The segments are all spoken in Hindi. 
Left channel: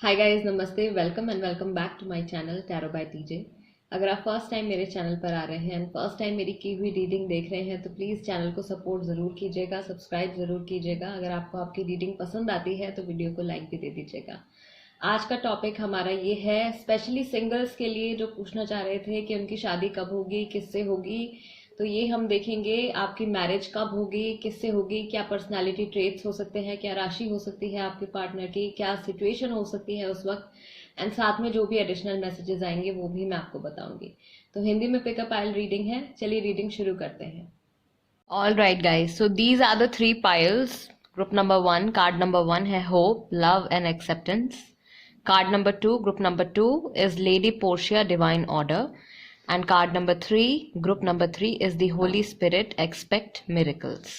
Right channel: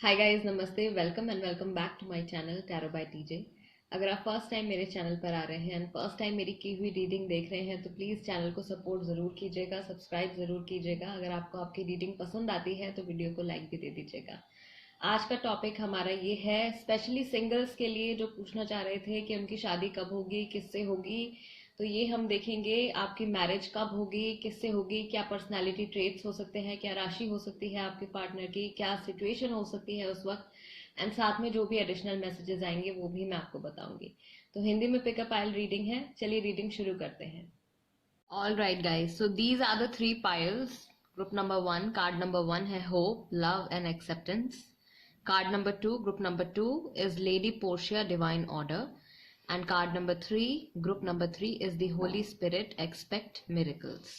हाय गाइस, नमस्ते, welcome and welcome back to my channel tarot by TJ. अगर आप फर्स्ट टाइम मेरे चैनल पर आ रहे हैं एंड फर्स्ट टाइम मेरी की हुई रीडिंग देख रहे हैं तो प्लीज़ चैनल को सपोर्ट ज़रूर कीजिएगा, सब्सक्राइब ज़रूर कीजिएगा। अगर आपको आपकी रीडिंग पसंद आती है तो वीडियो को लाइक भी दे दीजिएगा। आज का टॉपिक हमारा ये है स्पेशली सिंगल्स के लिए जो पूछना चाह रहे थे कि उनकी शादी कब होगी, किससे होगी। तो ये हम देखेंगे आपकी मैरिज कब होगी, किससे होगी, क्या पर्सनालिटी ट्रेट्स हो सकते हैं, क्या राशि हो सकती है आपके पार्टनर की, क्या सिचुएशन हो सकती है उस वक्त। एंड साथ में जो भी एडिशनल मैसेजेस आएंगे वो भी मैं आपको बताऊंगी। तो हिंदी में पिकअप आइल रीडिंग है, चलिए रीडिंग शुरू करते हैं। All right guys, so these are the 3 piles. Group number 1, card number 1 है hope, love and acceptance. Card number 2, group number 2 is Lady Portia, divine order. And card number 3, group number 3 is the Holy Spirit, expect miracles.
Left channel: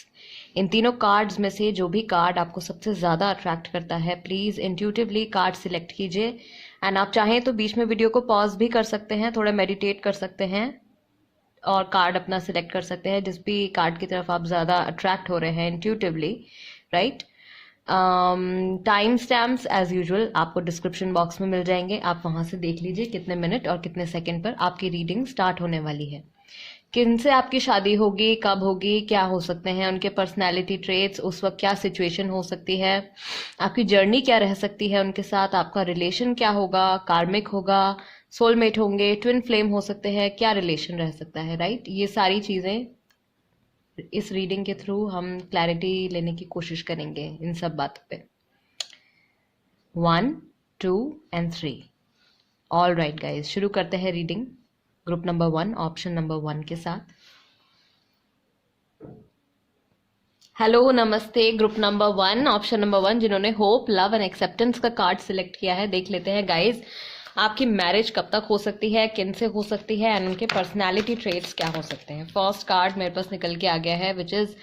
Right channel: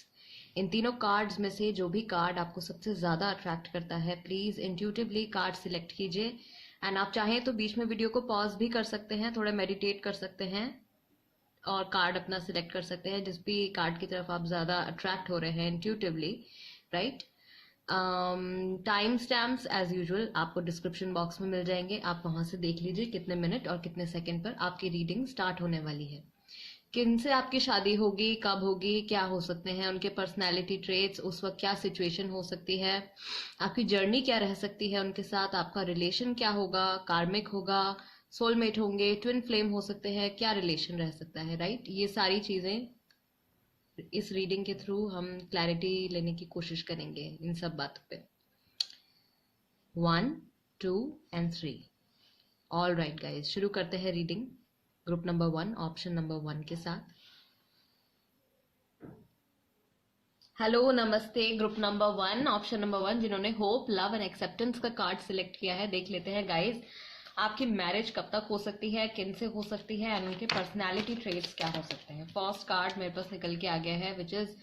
इन तीनों कार्ड्स में से जो भी कार्ड आपको सबसे ज़्यादा अट्रैक्ट करता है प्लीज़ इंट्यूटिवली कार्ड सिलेक्ट कीजिए। एंड आप चाहें तो बीच में वीडियो को पॉज भी कर सकते हैं, थोड़ा मेडिटेट कर सकते हैं और कार्ड अपना सिलेक्ट कर सकते हैं जिस भी कार्ड की तरफ आप ज़्यादा अट्रैक्ट हो रहे हैं intuitively, right. Time stamps as usual आपको डिस्क्रिप्शन बॉक्स में मिल जाएंगे, आप वहां से देख लीजिए कितने मिनट और कितने सेकंड पर आपकी रीडिंग स्टार्ट होने वाली है। किन से आपकी शादी होगी, कब होगी, क्या हो सकते हैं उनके पर्सनैलिटी ट्रेट्स, उस वक्त क्या सिचुएशन हो सकती है, आपकी जर्नी क्या रह सकती है उनके साथ, आपका रिलेशन क्या होगा, कार्मिक होगा, सोलमेट होंगे, ट्विन फ्लेम हो सकते हैं, क्या रिलेशन रह सकता है, राइट। ये सारी चीज़ें इस रीडिंग के थ्रू हम क्लैरिटी लेने की कोशिश करेंगे इन सब बातों पे। 1, 2 एंड 3। ऑल राइट गाइज, शुरू करते हैं reading group number 1, option number 1 के साथ। हेलो, नमस्ते। ग्रुप नंबर 1, ऑप्शन नंबर 1 जिन्होंने होप, लव एंड एक्सेप्टेंस का कार्ड सिलेक्ट किया है, देख लेते हैं गाइज आपकी मैरिज कब तक हो सकती है, किन से हो सकती है एंड उनके पर्सनालिटी ट्रेट्स क्या हो सकते हैं। फर्स्ट कार्ड मेरे पास निकल के आ गया है which is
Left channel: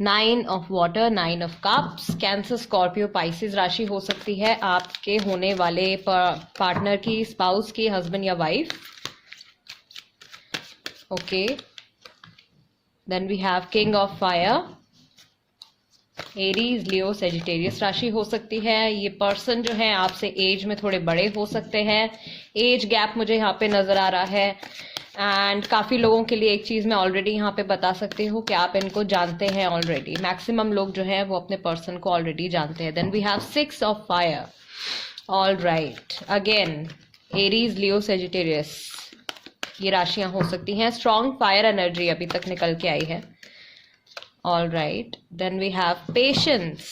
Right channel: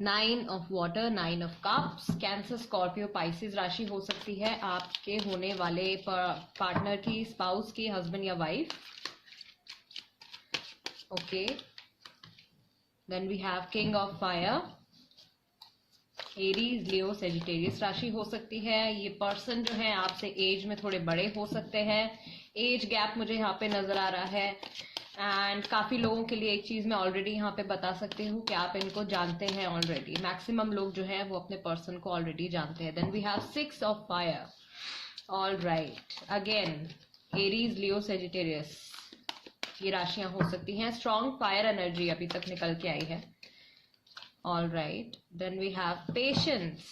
9 of water, 9 of cups. Cancer, Scorpio, Pisces राशि हो सकती है आपके होने वाले पार्टनर की, स्पाउस की, हस्बैंड या wife. Okay, then we have king of fire, Aries, Leo, Sagittarius राशि हो सकती है। ये पर्सन जो है आपसे एज में थोड़े बड़े हो सकते हैं, एज गैप मुझे यहाँ पे नजर आ रहा है। एंड काफी लोगों के लिए एक चीज मैं ऑलरेडी यहाँ पे बता सकती हूँ कि आप इनको जानते हैं ऑलरेडी। मैक्सिमम लोग जो है वो अपने पर्सन को ऑलरेडी जानते हैं। Then we have 6 of fire. All right, again Aries, Leo, Sagittarius ये राशियां हो सकती हैं। स्ट्रॉन्ग फायर एनर्जी अभी तक निकल के आई है। All right, then we have patience.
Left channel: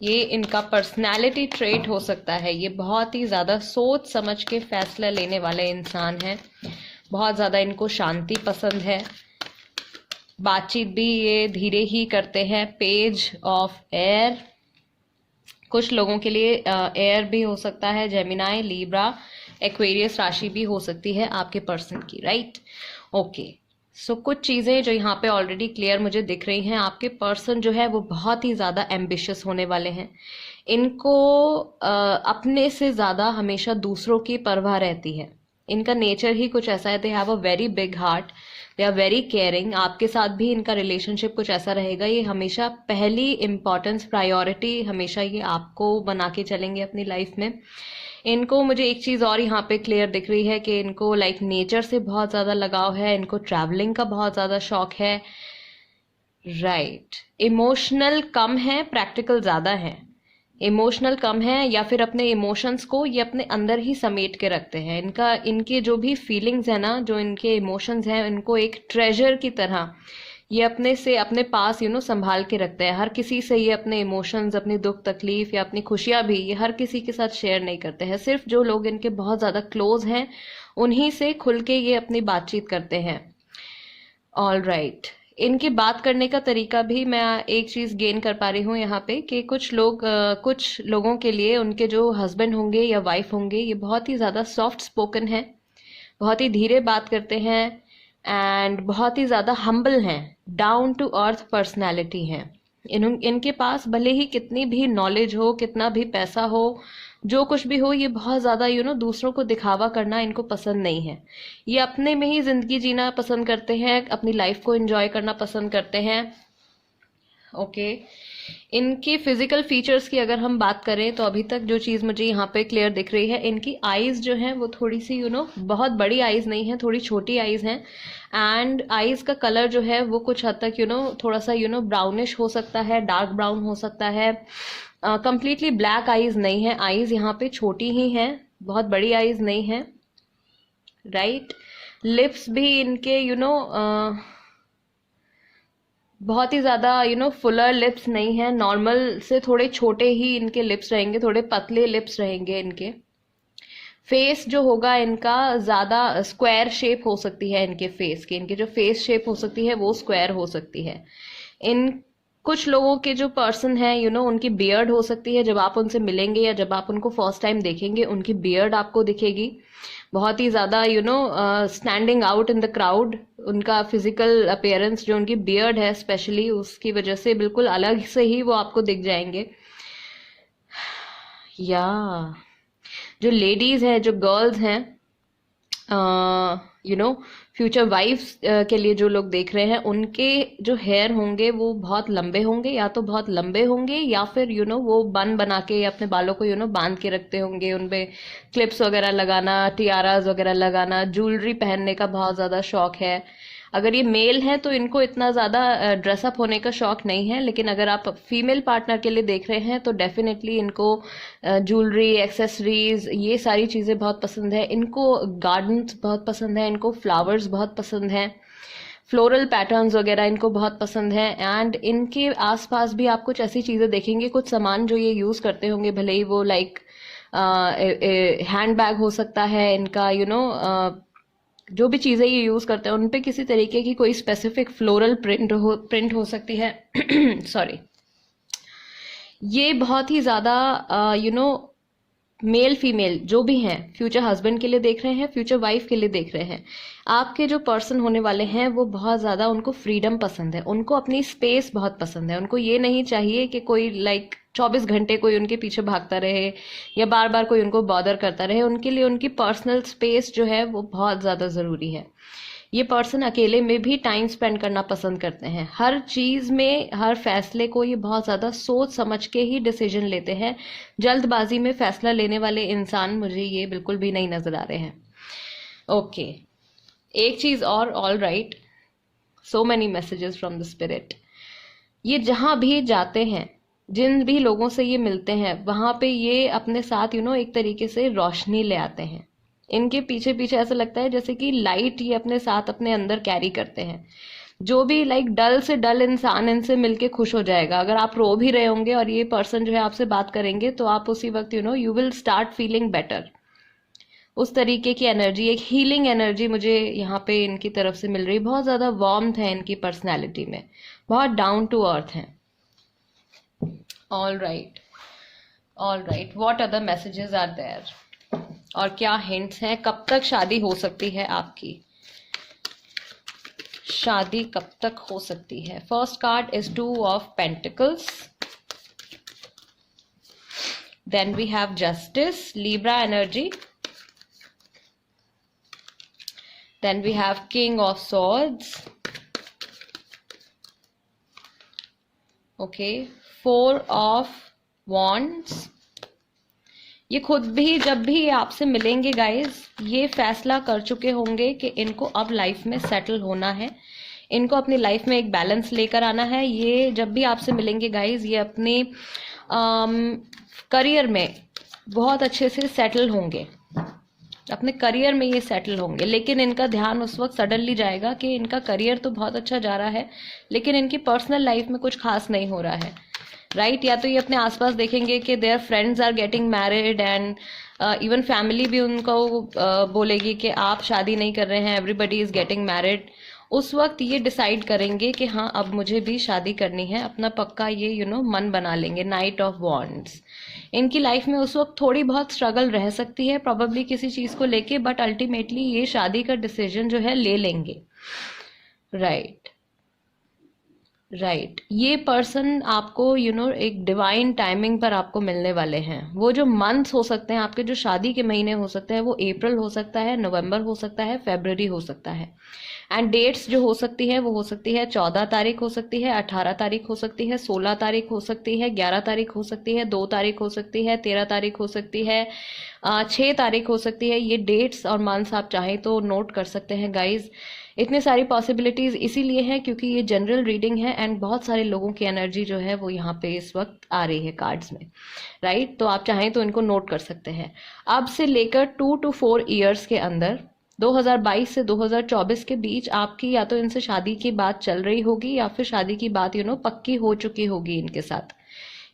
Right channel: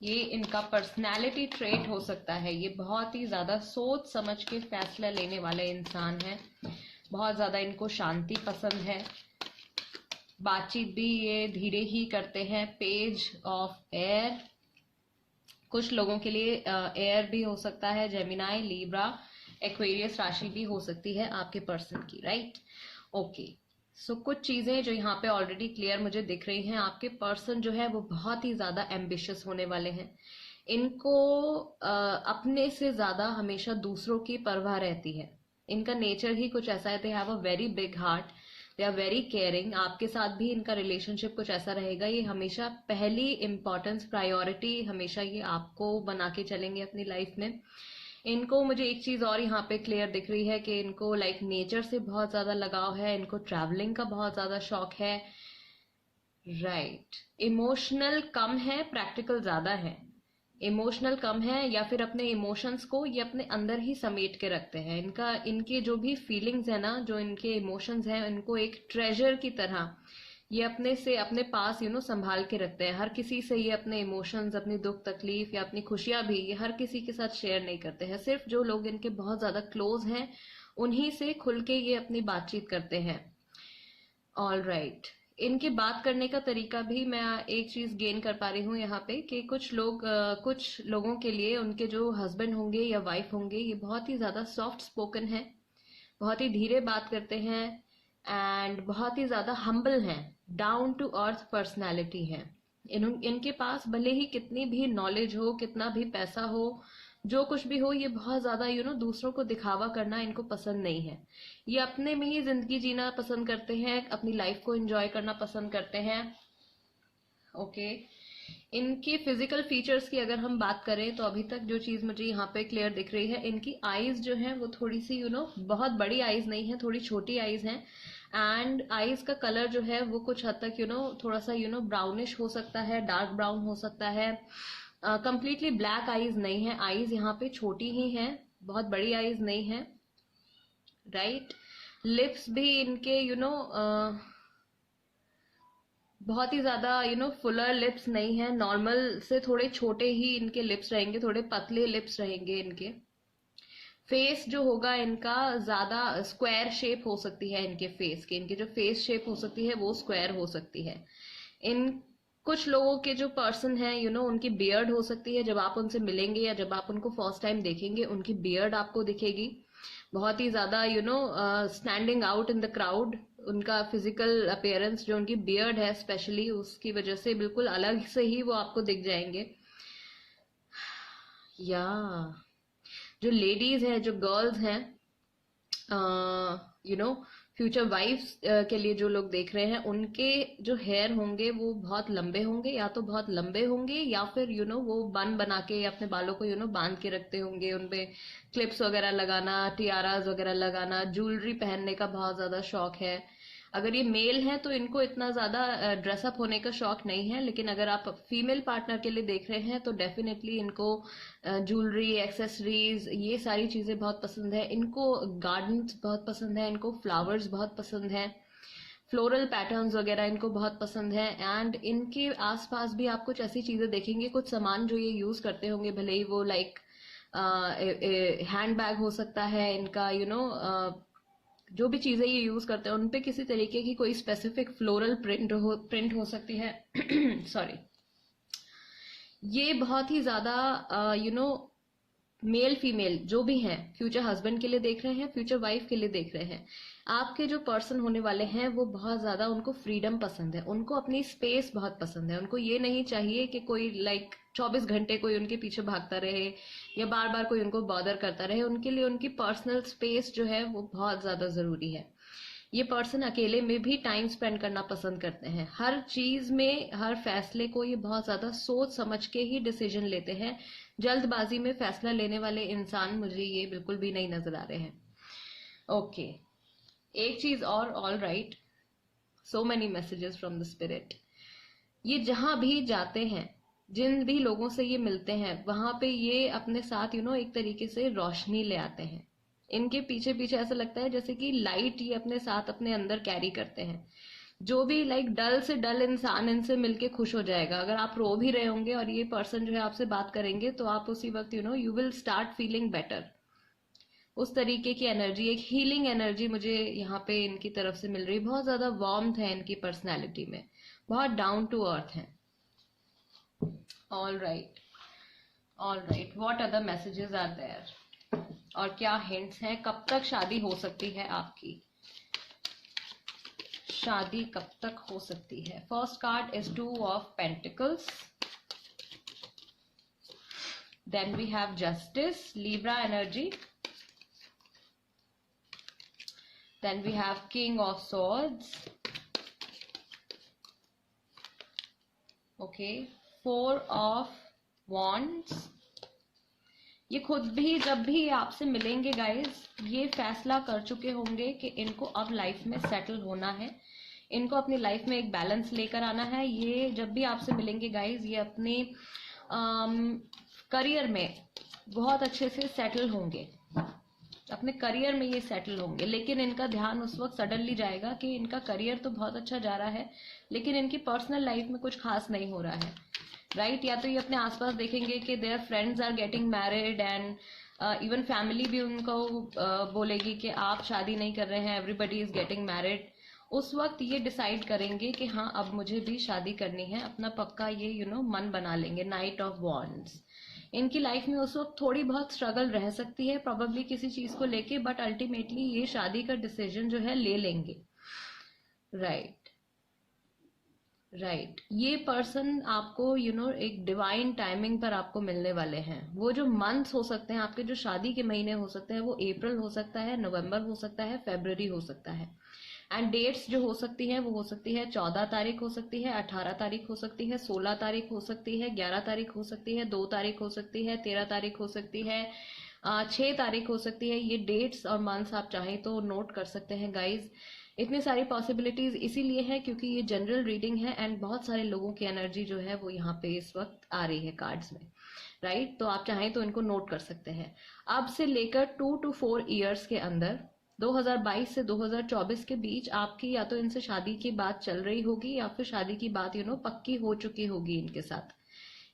ये इनका पर्सनैलिटी ट्रेट हो सकता है। ये बहुत ही ज़्यादा सोच समझ के फैसला लेने वाले इंसान हैं, बहुत ज़्यादा इनको शांति पसंद है, बातचीत भी ये धीरे ही करते हैं। पेज ऑफ एयर, कुछ लोगों के लिए एयर भी हो सकता है, जेमिनाई, लीब्रा, एक्वेरियस राशि भी हो सकती है आपके पर्सन की, राइट। ओके, सो कुछ चीज़ें जो यहाँ पे ऑलरेडी क्लियर मुझे दिख रही हैं। आपके पर्सन जो है वो बहुत ही ज़्यादा एम्बिशियस होने वाले हैं। इनको अपने से ज़्यादा हमेशा दूसरों की परवाह रहती है। इनका नेचर ही कुछ ऐसा है, they have a very big heart, they are very caring. आपके साथ भी इनका रिलेशनशिप कुछ ऐसा रहेगा, ये हमेशा पहली इम्पॉर्टेंस, प्रायोरिटी हमेशा ये आपको बना के चलेंगे अपनी लाइफ में। इनको मुझे एक चीज़ और यहाँ पे क्लियर दिख रही है कि इनको लाइक नेचर से बहुत ज़्यादा लगाव है, इनको ट्रैवलिंग का बहुत ज़्यादा शौक है, राइट। इमोशनल कम है, प्रैक्टिकल ज़्यादा है। इमोशनल कम है या फिर अपने इमोशंस को ये अपने अंदर ही समेट के रखते हैं। इनके जो भी फीलिंग्स है ना, जो इनके इमोशंस हैं, इनको एक ट्रेजर की तरह ये अपने पास संभाल के रखते हैं। हर किसी से ये अपने इमोशंस, अपनी दुख तकलीफ या अपनी खुशियां भी ये हर किसी के साथ शेयर नहीं करते हैं। सिर्फ जो लोग इनके बहुत ज़्यादा क्लोज हैं उन्हीं से खुल के ये अपनी बातचीत करते हैं। ऑल राइट, इनकी बात करने का तरीका भी मैं एक चीज़ गेन कर पा रही हूँ यहाँ पे कि कुछ लोगों के लिए उनके जो हस्बैंड होंगे या वाइफ होंगे ये बहुत ही ज़्यादा सॉफ्ट स्पोकन है, बहुत ही धीरे बात करते हैं एंड बहुत ही ज़्यादा हम्बल हैं, डाउन टू अर्थ पर्सनैलिटी हैं। इनके पास भले ही कितनी भी नॉलेज हो, कितना भी पैसा हो, जो कुछ भी हो, ये बहुत ज़्यादा दूसरों को दिखावा करना इनको पसंद नहीं है। ये अपने में ही ज़िंदगी जीना पसंद करते हैं, अपनी लाइफ को एंजॉय करना पसंद करते हैं। ओके, इनकी फिजिकल फीचर्स की अगर हम बात करें तो अभी तक जो चीज़ मुझे यहाँ पे क्लियर दिख रही है, इनकी आईज जो हैं वो थोड़ी सी बहुत बड़ी आईज नहीं है, थोड़ी छोटी आईज हैं। एंड आईज का कलर जो है वो कुछ हद तक थोड़ा सा ब्राउनिश हो सकता है, डार्क ब्राउन हो सकता है। कंप्लीटली ब्लैक आईज नहीं है, आईज यहाँ पे छोटी ही हैं, बहुत बड़ी आईज नहीं है, राइट। लिप्स भी इनके बहुत ही ज़्यादा फुलर लिप्स नहीं है, नॉर्मल से थोड़े छोटे ही इनके लिप्स रहेंगे, थोड़े पतले लिप्स रहेंगे इनके। फेस जो होगा इनका ज़्यादा स्क्वायर शेप हो सकती है, इनके फेस की, इनकी जो फेस शेप हो सकती है वो स्क्वायर हो सकती है। इन कुछ लोगों के जो पर्सन है उनकी बियर्ड हो सकती है, जब आप उनसे मिलेंगे या जब आप उनको फर्स्ट टाइम देखेंगे उनकी बियर्ड आपको दिखेगी, बहुत ही ज़्यादा standing out in the crowd. उनका फिजिकल अपीयरेंस जो उनकी बियर्ड है स्पेशली, उसकी वजह से बिल्कुल अलग से ही वो आपको दिख जाएंगे। या जो लेडीज़ हैं, जो गर्ल्स हैं, फ्यूचर वाइफ्स के लिए जो लोग देख रहे हैं, उनके जो हेयर होंगे वो बहुत लंबे होंगे, या तो बहुत लंबे होंगे या फिर वो बन बना के अपने बालों को बांध के रखते होंगे, उनपे क्लिप्स वगैरह लगाना, टियाराज वगैरह लगाना, ज्वेलरी पहनने का बहुत ज़्यादा शौक है। अगर ये मेल हैं तो इनको इतना ज़्यादा ड्रेसअप होने का शौक नहीं है, लेकिन अगर आप फीमेल पार्टनर के लिए देख रहे हैं तो डेफिनेटली इनको ज्वेलरी, एक्सेसरीज, ये सारी चीज़ें बहुत पसंद है। इनको गार्डन्स बहुत पसंद है, इनको फ्लावर्स बहुत पसंद हैं, फ्लोरल पैटर्न्स वगैरह इनको बहुत पसंद है। एंड इनके आसपास भी आप कुछ ऐसी चीज़ें देखेंगे, कुछ सामान जो ये यूज़ करते होंगे, भले ही वो लाइक हैंड बैग हो सकता है इनका, जो भी चीज़ें ये यूज़ करते हैं उन पे किसी तरीके की कोई स्पेसिफिक फ्लोरल प्रिंट हो सकती है। सॉरी। ये बहुत ही ज़्यादा मेल फीमेल जो भी हैं, फ्यूचर हस्बैंड के लिए देख रहे हैं, फ्यूचर वाइफ के लिए देख रहे हैं, आपके जो पर्सन होने वाले हैं वो बहुत ज़्यादा, उनको फ्रीडम पसंद है, उनको अपनी स्पेस बहुत पसंद है। उनको ये नहीं चाहिए कि कोई लाइक 24 घंटे कोई उनके पीछे भागता रहे या बार बार कोई उनको बॉदर करता रहे। उनके लिए उनकी पर्सनल स्पेस जो है वो बहुत ज़्यादा ज़रूरी है। ये पर्सन अकेले में भी टाइम स्पेंड करना पसंद करते हैं। हर चीज़ में, हर फैसले को ये बहुत ज़्यादा सोच समझ के ही डिसीजन लेते हैं। जल्दबाजी में फैसला लेने वाले इंसान मुझे ये बिल्कुल भी नहीं नज़र आ रहे हैं। ओके, एक चीज़ और, all right, so many messages from the spirit. ये जहाँ भी जाते हैं, जिन भी लोगों से ये मिलते हैं, वहाँ पे ये अपने साथ एक तरीके से रोशनी ले आते हैं। इनके पीछे पीछे ऐसा लगता है जैसे कि लाइट ये अपने साथ अपने अंदर कैरी करते हैं। जो भी लाइक डल से डल इंसान इनसे मिलके खुश हो जाएगा। अगर आप रो भी रहे होंगे और ये पर्सन जो है आपसे बात करेंगे तो आप उसी वक्त you will start feeling better. उस तरीके की एनर्जी, एक हीलिंग एनर्जी मुझे यहाँ पे इनकी तरफ से मिल रही। बहुत ज़्यादा वार्मथ है इनकी पर्सनैलिटी में, बहुत डाउन टू अर्थ हैं। All right, all right, what other messages are there, और क्या हिंट्स हैं? कब तक शादी हो सकती है आपकी? शादी कब तक हो सकती है? First card is 2 of pentacles, then we have justice, Libra energy, then we have king of swords, okay, 4 of wands. ये खुद भी जब भी आपसे मिलेंगे गाइस, ये फैसला कर चुके होंगे कि इनको अब लाइफ में सेटल होना है, इनको अपनी लाइफ में एक बैलेंस लेकर आना है। ये जब भी आपसे मिलेंगे गाइस, ये अपने करियर में बहुत अच्छे से सेटल होंगे, अपने करियर में ये सेटल होंगे। लेकिन इनका ध्यान उस वक्त सडनली जाएगा कि इनका करियर तो बहुत अच्छा जा रहा है लेकिन इनकी पर्सनल लाइफ में कुछ खास नहीं हो रहा है, राइट। या तो ये अपने आसपास देखेंगे कि their friends are getting married and even family भी उनको बोलेगी कि आप शादी नहीं कर रहे हैं, एवरीबडी इज गेटिंग मैरिड। उस वक्त ये डिसाइड करेंगे कि हाँ अब मुझे भी शादी करनी है, अपना पक्का ये मन बना लेंगे। Night of wands. इनकी लाइफ में उस वक्त थोड़ी बहुत स्ट्रगल रह सकती है प्रॉबेबली किसी चीज़ को लेके, बट अल्टीमेटली ये शादी का डिसीजन जो है ले लेंगे, राइट। राइट, ये पर्सन आपको एक डिवाइन टाइमिंग पर आपको मिलने वाले हैं। वो जो मंथ्स हो सकते हैं आपके, जो शादी के महीने हो सकते हैं, वो अप्रैल हो सकता है, नवंबर हो सकता है, फरवरी हो सकता है, एंड डेट्स जो हो सकती है वो हो सकती है 14 तारीख हो सकती है, 18 तारीख हो सकती है, 16 तारीख हो सकती है, 11 तारीख हो सकती है, 2 तारीख हो सकती है, 13 तारीख हो सकती है, 6 तारीख हो सकती है। ये डेट्स और मंथ्स आप चाहें तो नोट कर सकते हैं गाइज। इतनी सारी पॉसिबिलिटीज इसीलिए है क्योंकि ये जनरल रीडिंग है एंड बहुत सारे लोगों की एनर्जी जो है वो यहाँ पे इस वक्त आ रही है कार्ड्स में, राइट। तो आप चाहें तो इनको नोट कर सकते हैं। अब से लेकर 2 to 4 ईयर्स के अंदर 2022 से 2024 के बीच आपकी या तो इनसे शादी की बात चल रही होगी या फिर शादी की बात पक्की हो चुकी होगी इनके साथ।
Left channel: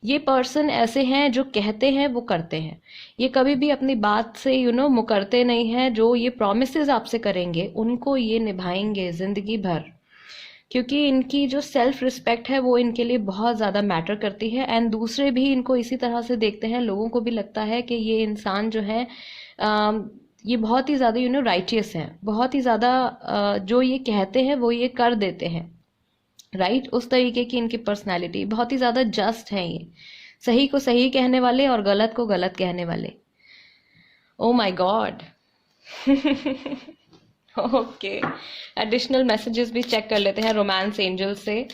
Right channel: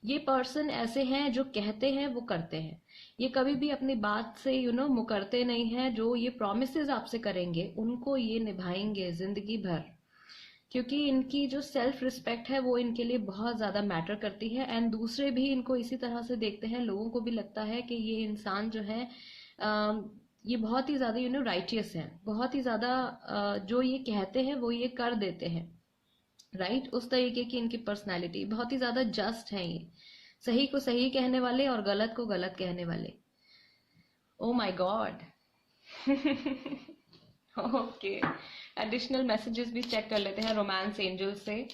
ये पर्सन ऐसे हैं जो कहते हैं वो करते हैं, ये कभी भी अपनी बात से मुकरते नहीं हैं। जो ये प्रॉमिसेस आपसे करेंगे उनको ये निभाएंगे जिंदगी भर, क्योंकि इनकी जो सेल्फ रिस्पेक्ट है वो इनके लिए बहुत ज़्यादा मैटर करती है एंड दूसरे भी इनको इसी तरह से देखते हैं। लोगों को भी लगता है कि ये इंसान जो है ये बहुत ही ज़्यादा राइटियस हैं, बहुत ही ज़्यादा जो ये कहते हैं वो ये कर देते हैं, राइट। उस तरीके की इनकी पर्सनालिटी, बहुत ही ज़्यादा जस्ट है ये, सही को सही कहने वाले और गलत को गलत कहने वाले। Oh my god. Okay, additional messages भी चेक कर लेते हैं रोमांस एंजल से।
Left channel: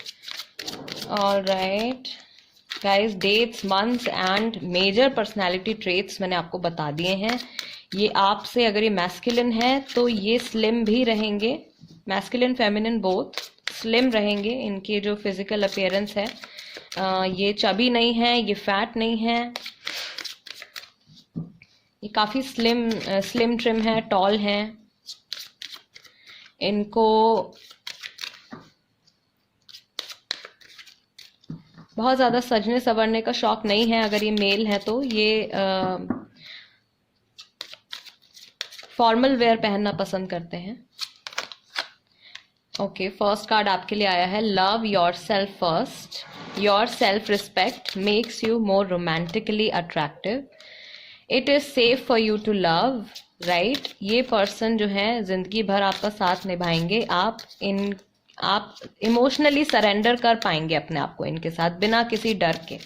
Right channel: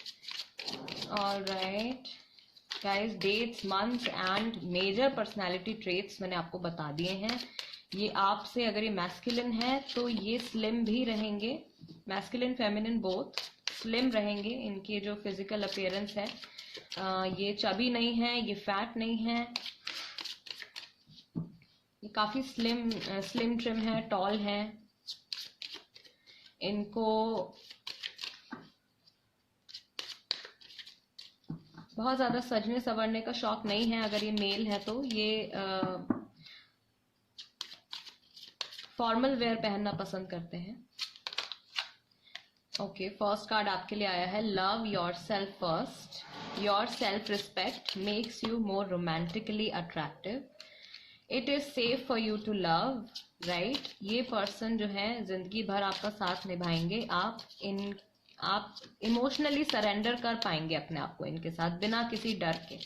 Alright guys, dates, months and major personality traits मैंने आपको बता दिए हैं। ये आपसे अगर ये मैस्कुलिन है तो ये स्लिम भी रहेंगे, मैस्कुलिन फेमिनिन बोथ स्लिम रहेंगे। इनकी जो फिजिकल अपीयरेंस है ये चबी नहीं है, ये फैट नहीं है, ये काफ़ी स्लिम ट्रिम है, टॉल है। इनको बहुत ज़्यादा सजने संवरने का शौक नहीं है। अगर ये मेल है तो ये फॉर्मल वेयर पहनना पसंद करते हैं। ओके, फर्स्ट कार्ड आपके लिए आया है love yourself first. Your self respect makes you more romantically attractive. It is safe for you to love, right. ये पर्सन जो है जिंदगी भर आपका साथ निभाएंगे। आप इमोशनली सरेंडर कर पाएंगे अपने आप को इनके साथ बिना किसी डर के।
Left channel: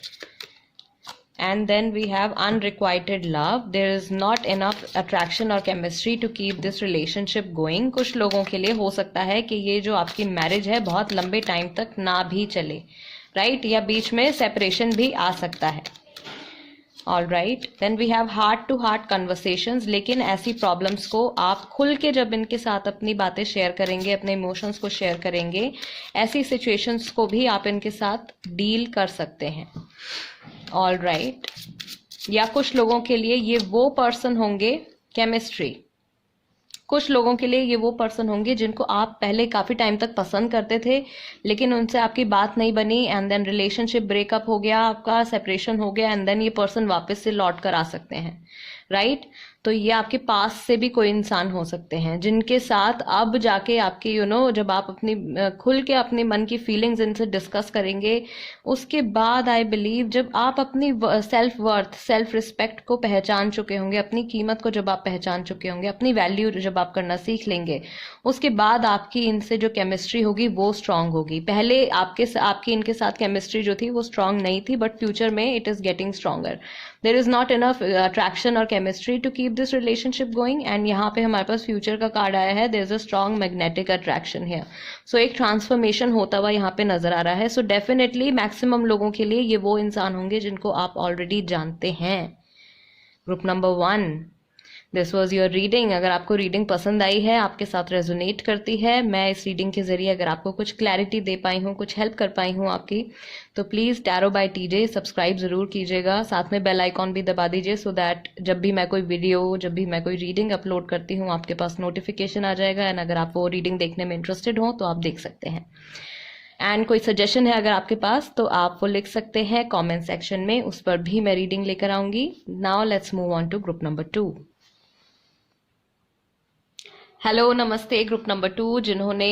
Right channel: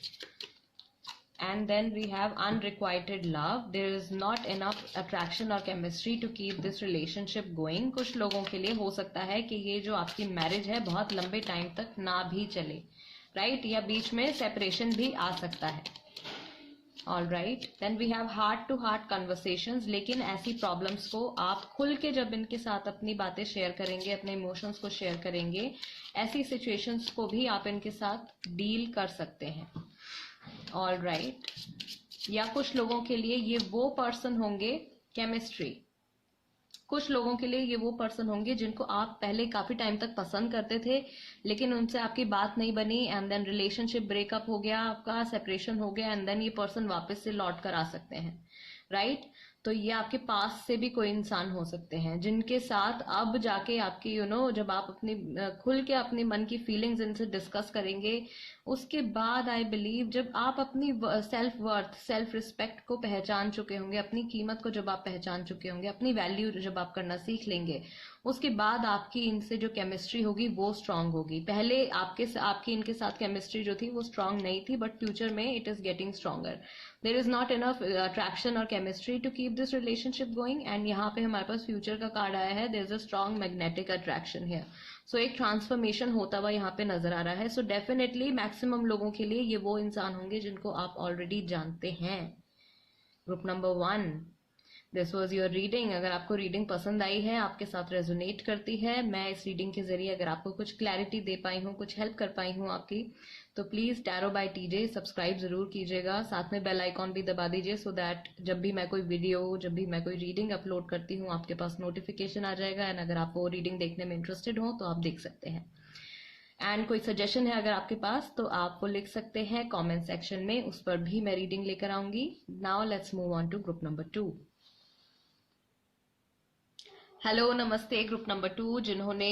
And then we have unrequited love. There is not enough attraction or chemistry to keep this relationship going. कुछ लोगों के लिए हो सकता है कि ये जो आपकी मैरिज है बहुत लंबे टाइम तक ना भी चले, राइट, या बीच में सेपरेशन भी आ सकता है। All right, then we have heart to heart conversations. लेकिन ऐसी प्रॉब्लम्स को आप खुल के जब इनके साथ अपनी बातें शेयर करेंगे, अपने इमोशंस को शेयर करेंगे, ऐसी सिचुएशंस को भी आप इनके साथ डील कर सकते हैं। ऑल राइट, या कुछ लोगों के लिए ये वो पर्सन होंगे, केमिस्ट्री, कुछ लोगों के लिए ये वो पर्सन होंगे जिनको आप पहले काफ़ी टाइम तक पसंद करते थे लेकिन उनसे आपकी बात नहीं बनी एंड देन रिलेशनशिप ब्रेकअप हो गया, आपका सेपरेशन हो गया एंड देन ये पर्सन वापस से लौट कर आ सकते हैं, राइट। तो ये आपके पास से भी कोई इंसान हो सकते हैं जिनके साथ अब जाके आपकी जब आप अपनी खुल के अपने मन की फीलिंग्स इनसे डिस्कस करेंगे, उसके बाद आई बिलीव जब आप अपनी सेल्फ वर्थ, सेल्फ रिस्पेक्ट को पहचान चुके होंगे, अपनी कीमत को जब आप पहचान चुके होंगे, अपनी वैल्यू जब आप करना सीख लेंगे, उसके बाद आपकी इनसे जो केमिस्ट्री होगी वो स्ट्रांग होगी। पहले आपकी इनके साथ केमिस्ट्री जो थी वो स्ट्रांग नहीं थी, बट फ्यूचर में it is getting stronger. There is not enough attraction और chemistry to keep this relationship going and यहाँ पे हमारे पास फ्यूचर का कार्ड आया है, there is a strong magnetic attraction है। सो एक ट्रांसफॉर्मेशन होता हुआ यहाँ पे नजर आ रहा है। सो डेफिनेटली मैक्सिमम लोगों के लिए ये वो इंसान होंगे जिनको आप ऑलरेडी जानते हैं। Group number 1, this was your reading. अगर आपको रीडिंग पसंद आई है, आपके साथ रेजोनेट करती है, मैं इस रीडिंग के जरिए अगर आपको कुछ क्लैरिटी दे पाई हूँ, कुछ हेल्प कर पाई हूँ आपकी, तो please tarot by TJ subscribe ज़रूर कीजिएगा, साथ में बेल आइकॉन भी दबा दीजिए सो दैट जब भी मैं कोई वीडियो, जब भी मैं कोई रीडिंग अपलोड करती हूँ आपके पास नोटिफिकेशन आ जाएगा एंड अगर आप वो रीडिंग देखने में इंटरेस्टेड हो तो आप देख सकते हैं। एंड कोई सजेशन है अगर आपके पास तो आप वो लिख सकते हैं कमेंट सेक्शन में, उस पर भी मैं रीडिंग लेकर आऊँगी। Now let's move on to group number 2। Hello, नमस्ते ग्रुप नंबर 2 जिन्होंने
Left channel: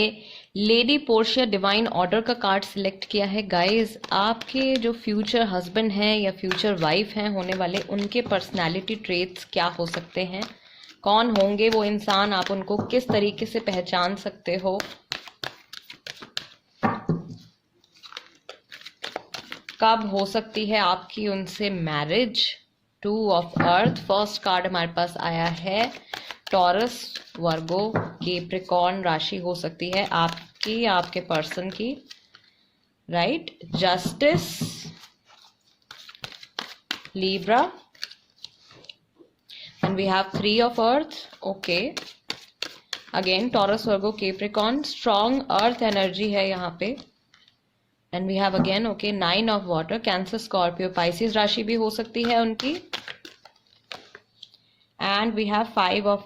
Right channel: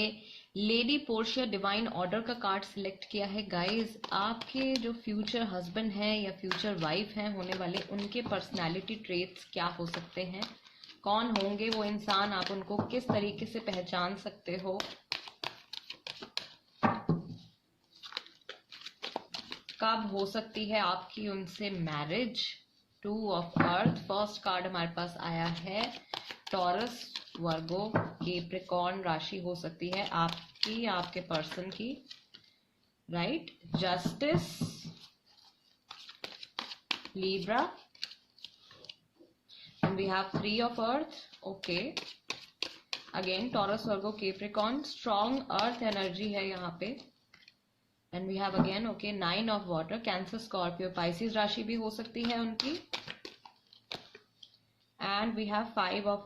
लेडी पोर्शिया डिवाइन ऑर्डर का कार्ड सिलेक्ट किया है। गाइस, आपके जो फ्यूचर हस्बैंड हैं या फ्यूचर वाइफ हैं होने वाले, उनके पर्सनालिटी ट्रेट्स क्या हो सकते हैं, कौन होंगे वो इंसान, आप उनको किस तरीके से पहचान सकते हो, कब हो सकती है आपकी उनसे marriage. 2 of earth, first card हमारे पास आया है टॉरस, वर्गो, कैप्रिकॉर्न राशि हो सकती है आपकी, आपके पर्सन की, right. Justice, Libra, and we have 3 of earth, okay. Again Taurus, Virgo, Capricorn, strong earth energy है यहाँ पे। And we have again okay 9 of water, Cancer, Scorpio, Pisces राशि भी हो सकती है उनकी। And we have 5 of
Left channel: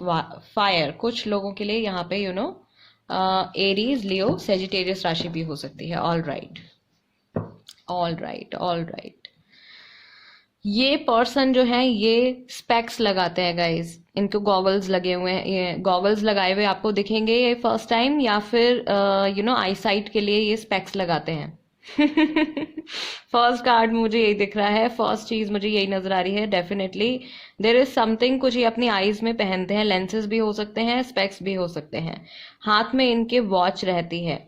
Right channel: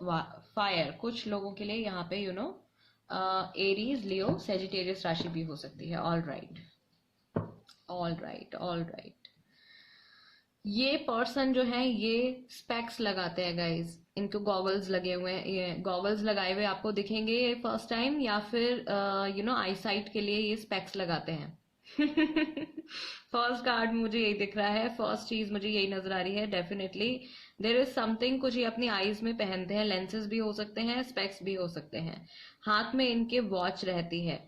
fire, कुछ लोगों के लिए यहाँ पे एरीज, लियो, सेजिटेरियस राशि भी हो सकती है। All right, all right, all right. ये पर्सन जो है ये स्पेक्स लगाते हैं गाइज, इनको गॉगल्स लगे हुए हैं, ये गॉगल्स लगाए हुए आपको दिखेंगे ये फर्स्ट टाइम, या फिर आई साइट के लिए ये स्पेक्स लगाते हैं। फर्स्ट कार्ड मुझे यही दिख रहा है, फर्स्ट चीज मुझे यही नजर आ रही है। डेफिनेटली देर इज समथिंग, कुछ ये अपनी आईज में पहनते हैं, लेंसेज भी हो सकते हैं, स्पेक्स भी हो सकते हैं। हाथ में इनके वॉच रहती है,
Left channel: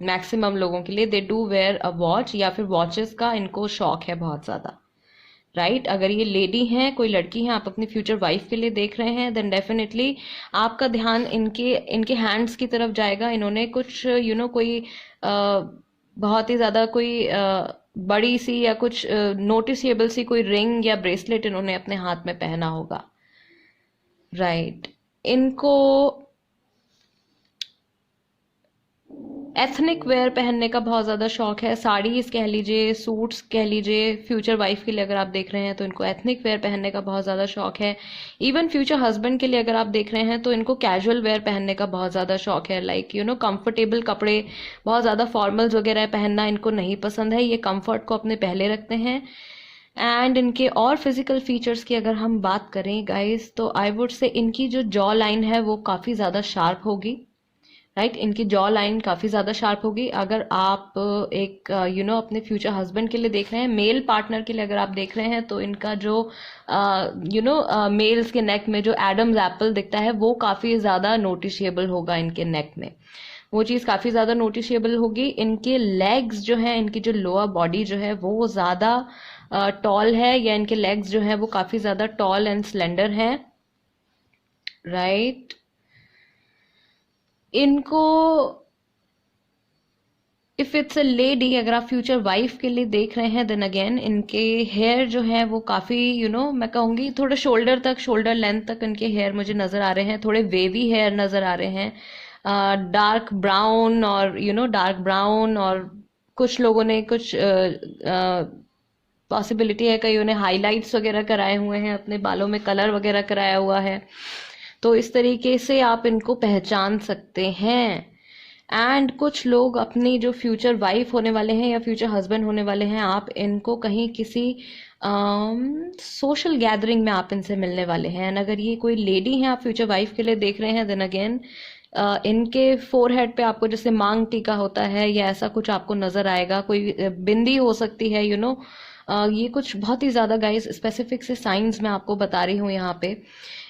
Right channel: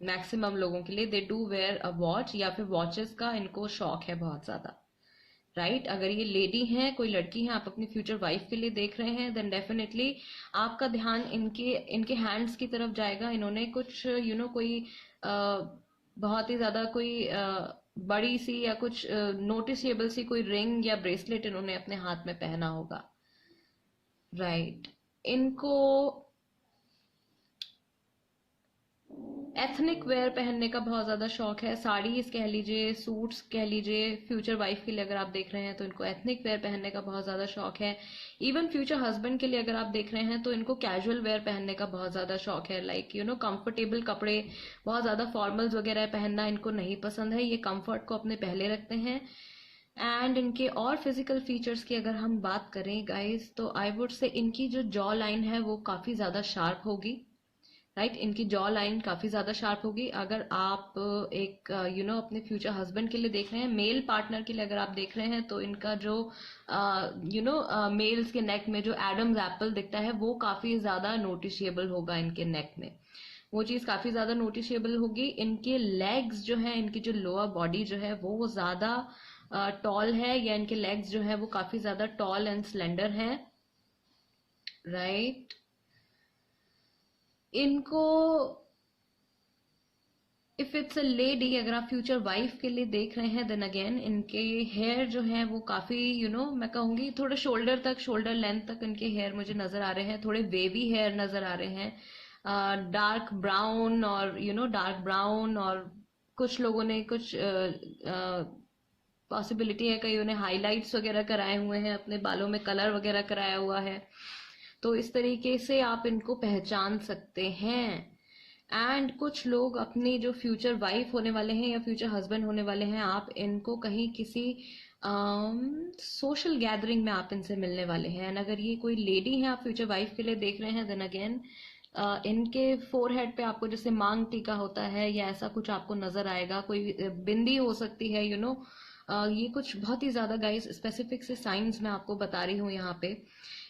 मैक्सिमम लोगों के लिए they do wear a watch, या फिर वॉचेस का इनको शौक है बहुत ज्यादा, राइट। अगर ये लेडी हैं, कोई लड़की है, आप अपनी फ्यूचर वाइफ के लिए देख रहे हैं, देन डेफिनेटली आपका ध्यान इनके इनके हैंड्स की तरफ जाएगा। इन्होंने कुछ कोई बहुत ही ज्यादा कोई बड़ी सी या कुछ नोटिसेबल सी कोई रिंग या ब्रेसलेट इन्होंने अपने हाथ में पहना होगा, राइट। इनको एथनिक वेयर पहनने का बहुत ज़्यादा शौक है, साड़ीज कह लीजिए, सूट्स कह लीजिए। फ्यूचर वाइफ के लिए अगर आप देख रहे हैं तो इनको एथनिक वेयर पहनने का बहुत ज़्यादा शौक है। इवन फ्यूचर हस्बैंड के लिए अगर आप देख रहे हैं तो इनको कैजुअल वेयर पहनने का बहुत ज़्यादा शौक है, लाइक कंफर्टेबल कपड़े, बहुत ज़्यादा फॉर्मल्स वगैरह पहनना इनको नहीं पसंद है, ये कंफर्ट को अपने पहले रखते हैं। एंड इनके और फिजिकल फीचर्स की अगर हम बात करें गाइस, तो आई वुड से इनकी जो जॉ लाइन है वो काफ़ी ज़्यादा शार्प होगी, राइट। इनकी जॉ लाइन काफ़ी ज़्यादा शार्प होगी। अगर आप एक अपने फ्यूचर हस्बैंड के लिए देख रहे हैं, मेल पार्टनर के लिए अगर आप देख रहे हैं, तो इनका जो मेल्स के नेक में जो एडम्स एप्पल दिखता है वो काफ़ी ज़्यादा नोटिशिएबल होगा इनके नेक में, वो चीज़ काफ़ी ज़्यादा नोटिशिएबल होगी। इनके लेग्स जो है, इनकी जो लोअर बॉडी जो है वो ज़्यादा टॉल है, या इनके लेग्स जो है वो काफ़ी ज़्यादा टॉल एंड स्लेंडर हैं, राइट। इनको इफ इट्स अ लेडी, अगर आप फ्यूचर वाइफ के लिए देख रहे हैं, देन अगेन इनके हेयर जो है वो काफ़ी मैं कहूँगी थोड़े शोल्डर तक, शोल्डर लेंथ तक इनके हेयर मुझे नज़र आ रहे हैं, थोड़े वेवी हेयर नज़र आ रहे हैं, डार्क ब्राउन और डार्क ब्राउन, और कुछ लोगों ने कुछ पॉसिबिलिटी है कई उन्हें हाईलाइट्स वगैरह कराए हुए हैं, अपने बालों में कलर वगैरह कराया हुआ है, तो इस तरीके से आप इनको पहचान सकते हैं। एंड कुछ लोग अपनी जो फ्यूचर वाइफ होने वाले हैं या फ्यूचर हस्बैंड होने वाले हैं, आप इनको कहीं किसी सोशल गैदरिंग में आप इनसे मिलने वाले हैं। एंड अगर ये कोई लेडी हैं, आप फ्यूचर वाइफ के लिए देख रहे हैं, देन अगेन इनके फोरहेड पे आपको जैसे मांग टीका होता है या ऐसा कुछ आपको नजर आएगा, कोई बिंदी हो सकती है, ये कुछ बहुत ही ज़्यादा गाइस स्पेसिफिक से साइंस मैं आपको बता रही हूँ यहाँ पे।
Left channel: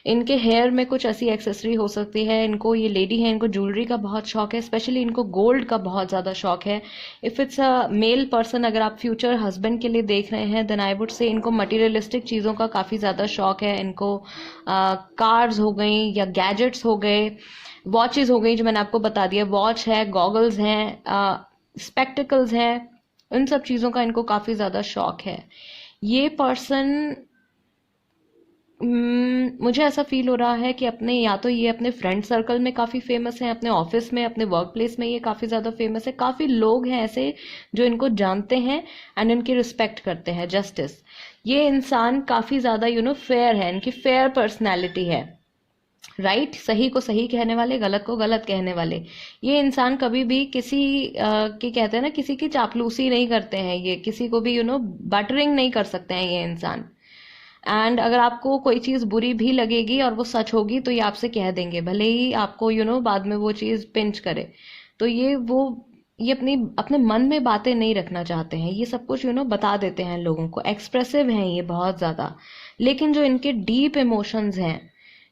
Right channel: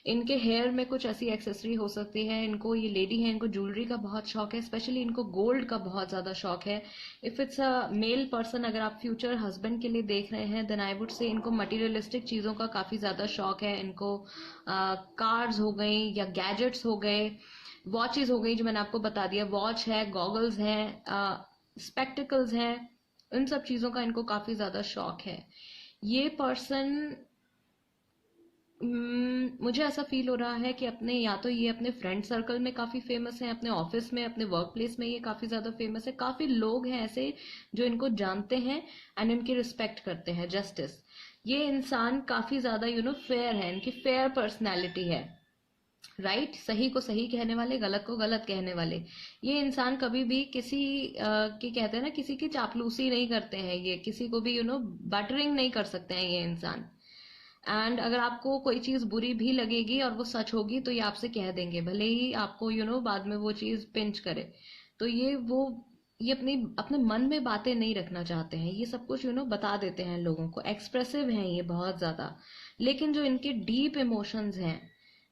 इनके हेयर में कुछ ऐसी एक्सेसरी हो सकती है, इनको, ये लेडी है, इनको ज्वेलरी का बहुत शौक है, स्पेशली इनको गोल्ड का बहुत ज़्यादा शौक है। If it's a male person, अगर आप फ्यूचर हस्बैंड के लिए देख रहे हैं, देन आई वुड से इनको मटीरियलिस्टिक चीज़ों का काफ़ी ज़्यादा शौक है। इनको कार्स हो गई या गैजेट्स हो गए, वॉचेस हो गई जो मैंने आपको बता दिया, वॉच है, गॉगल्स हैं, स्पेक्टिकल्स हैं, इन सब चीज़ों का इनको काफ़ी ज़्यादा शौक है। ये पर्सन मुझे ऐसा फील हो रहा है कि अपने, या तो ये अपने फ्रेंड सर्कल में काफ़ी फेमस हैं, अपने ऑफिस में, अपने वर्क प्लेस में ये काफ़ी ज़्यादा फेमस है, काफ़ी लोग हैं ऐसे जो इनको जानते हैं एंड इनकी रिस्पेक्ट करते हैं। जस्टिस, ये इंसान काफ़ी ज़्यादा फेयर है, इनकी फेयर पर्सनैलिटी है, राइट। सही को सही कहने वाले, गलत को गलत कहने वाले। ये इंसान कभी भी किसी के कहते हैं ना, किसी की चापलूसी नहीं करते हैं, ये किसी को भी बटरिंग नहीं कर सकते हैं ये इंसान। एंड अगर आपको कोई चीज़ बुरी भी लगेगी और वो सच होगी तो ये आपसे कह देंगे, भले ही आपको बाद में वो चीज़ पिंच करे। तो ये अपने मन में बातें नहीं रखना चाहते हैं, ये सब कुछ बता देते हैं लोगों को, एक्सप्रेसिव हैं ये बहुत ज़्यादा। लेकिन जो इनके डीप इमोशंस हैं,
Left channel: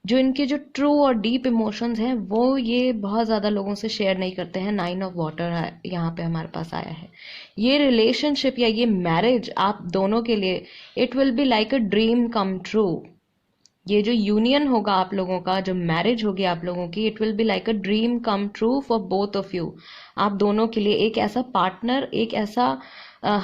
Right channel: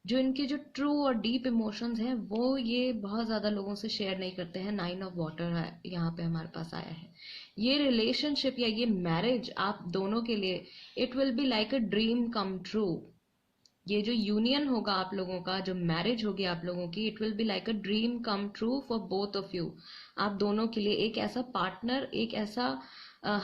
जो इनके जो ट्रू और डीप इमोशंस हैं, वो ये बहुत ज़्यादा लोगों से शेयर नहीं करते हैं। 9 ऑफ वाटर यहाँ पे हमारे पास आया है। ये रिलेशनशिप या ये मैरिज आप दोनों के लिए, it will be like a dream come true. ये जो यूनियन होगा आप लोगों का, जो मैरिज होगी आप लोगों की, it will be like a dream come true for both of you. आप दोनों के लिए एक ऐसा पार्टनर, एक ऐसा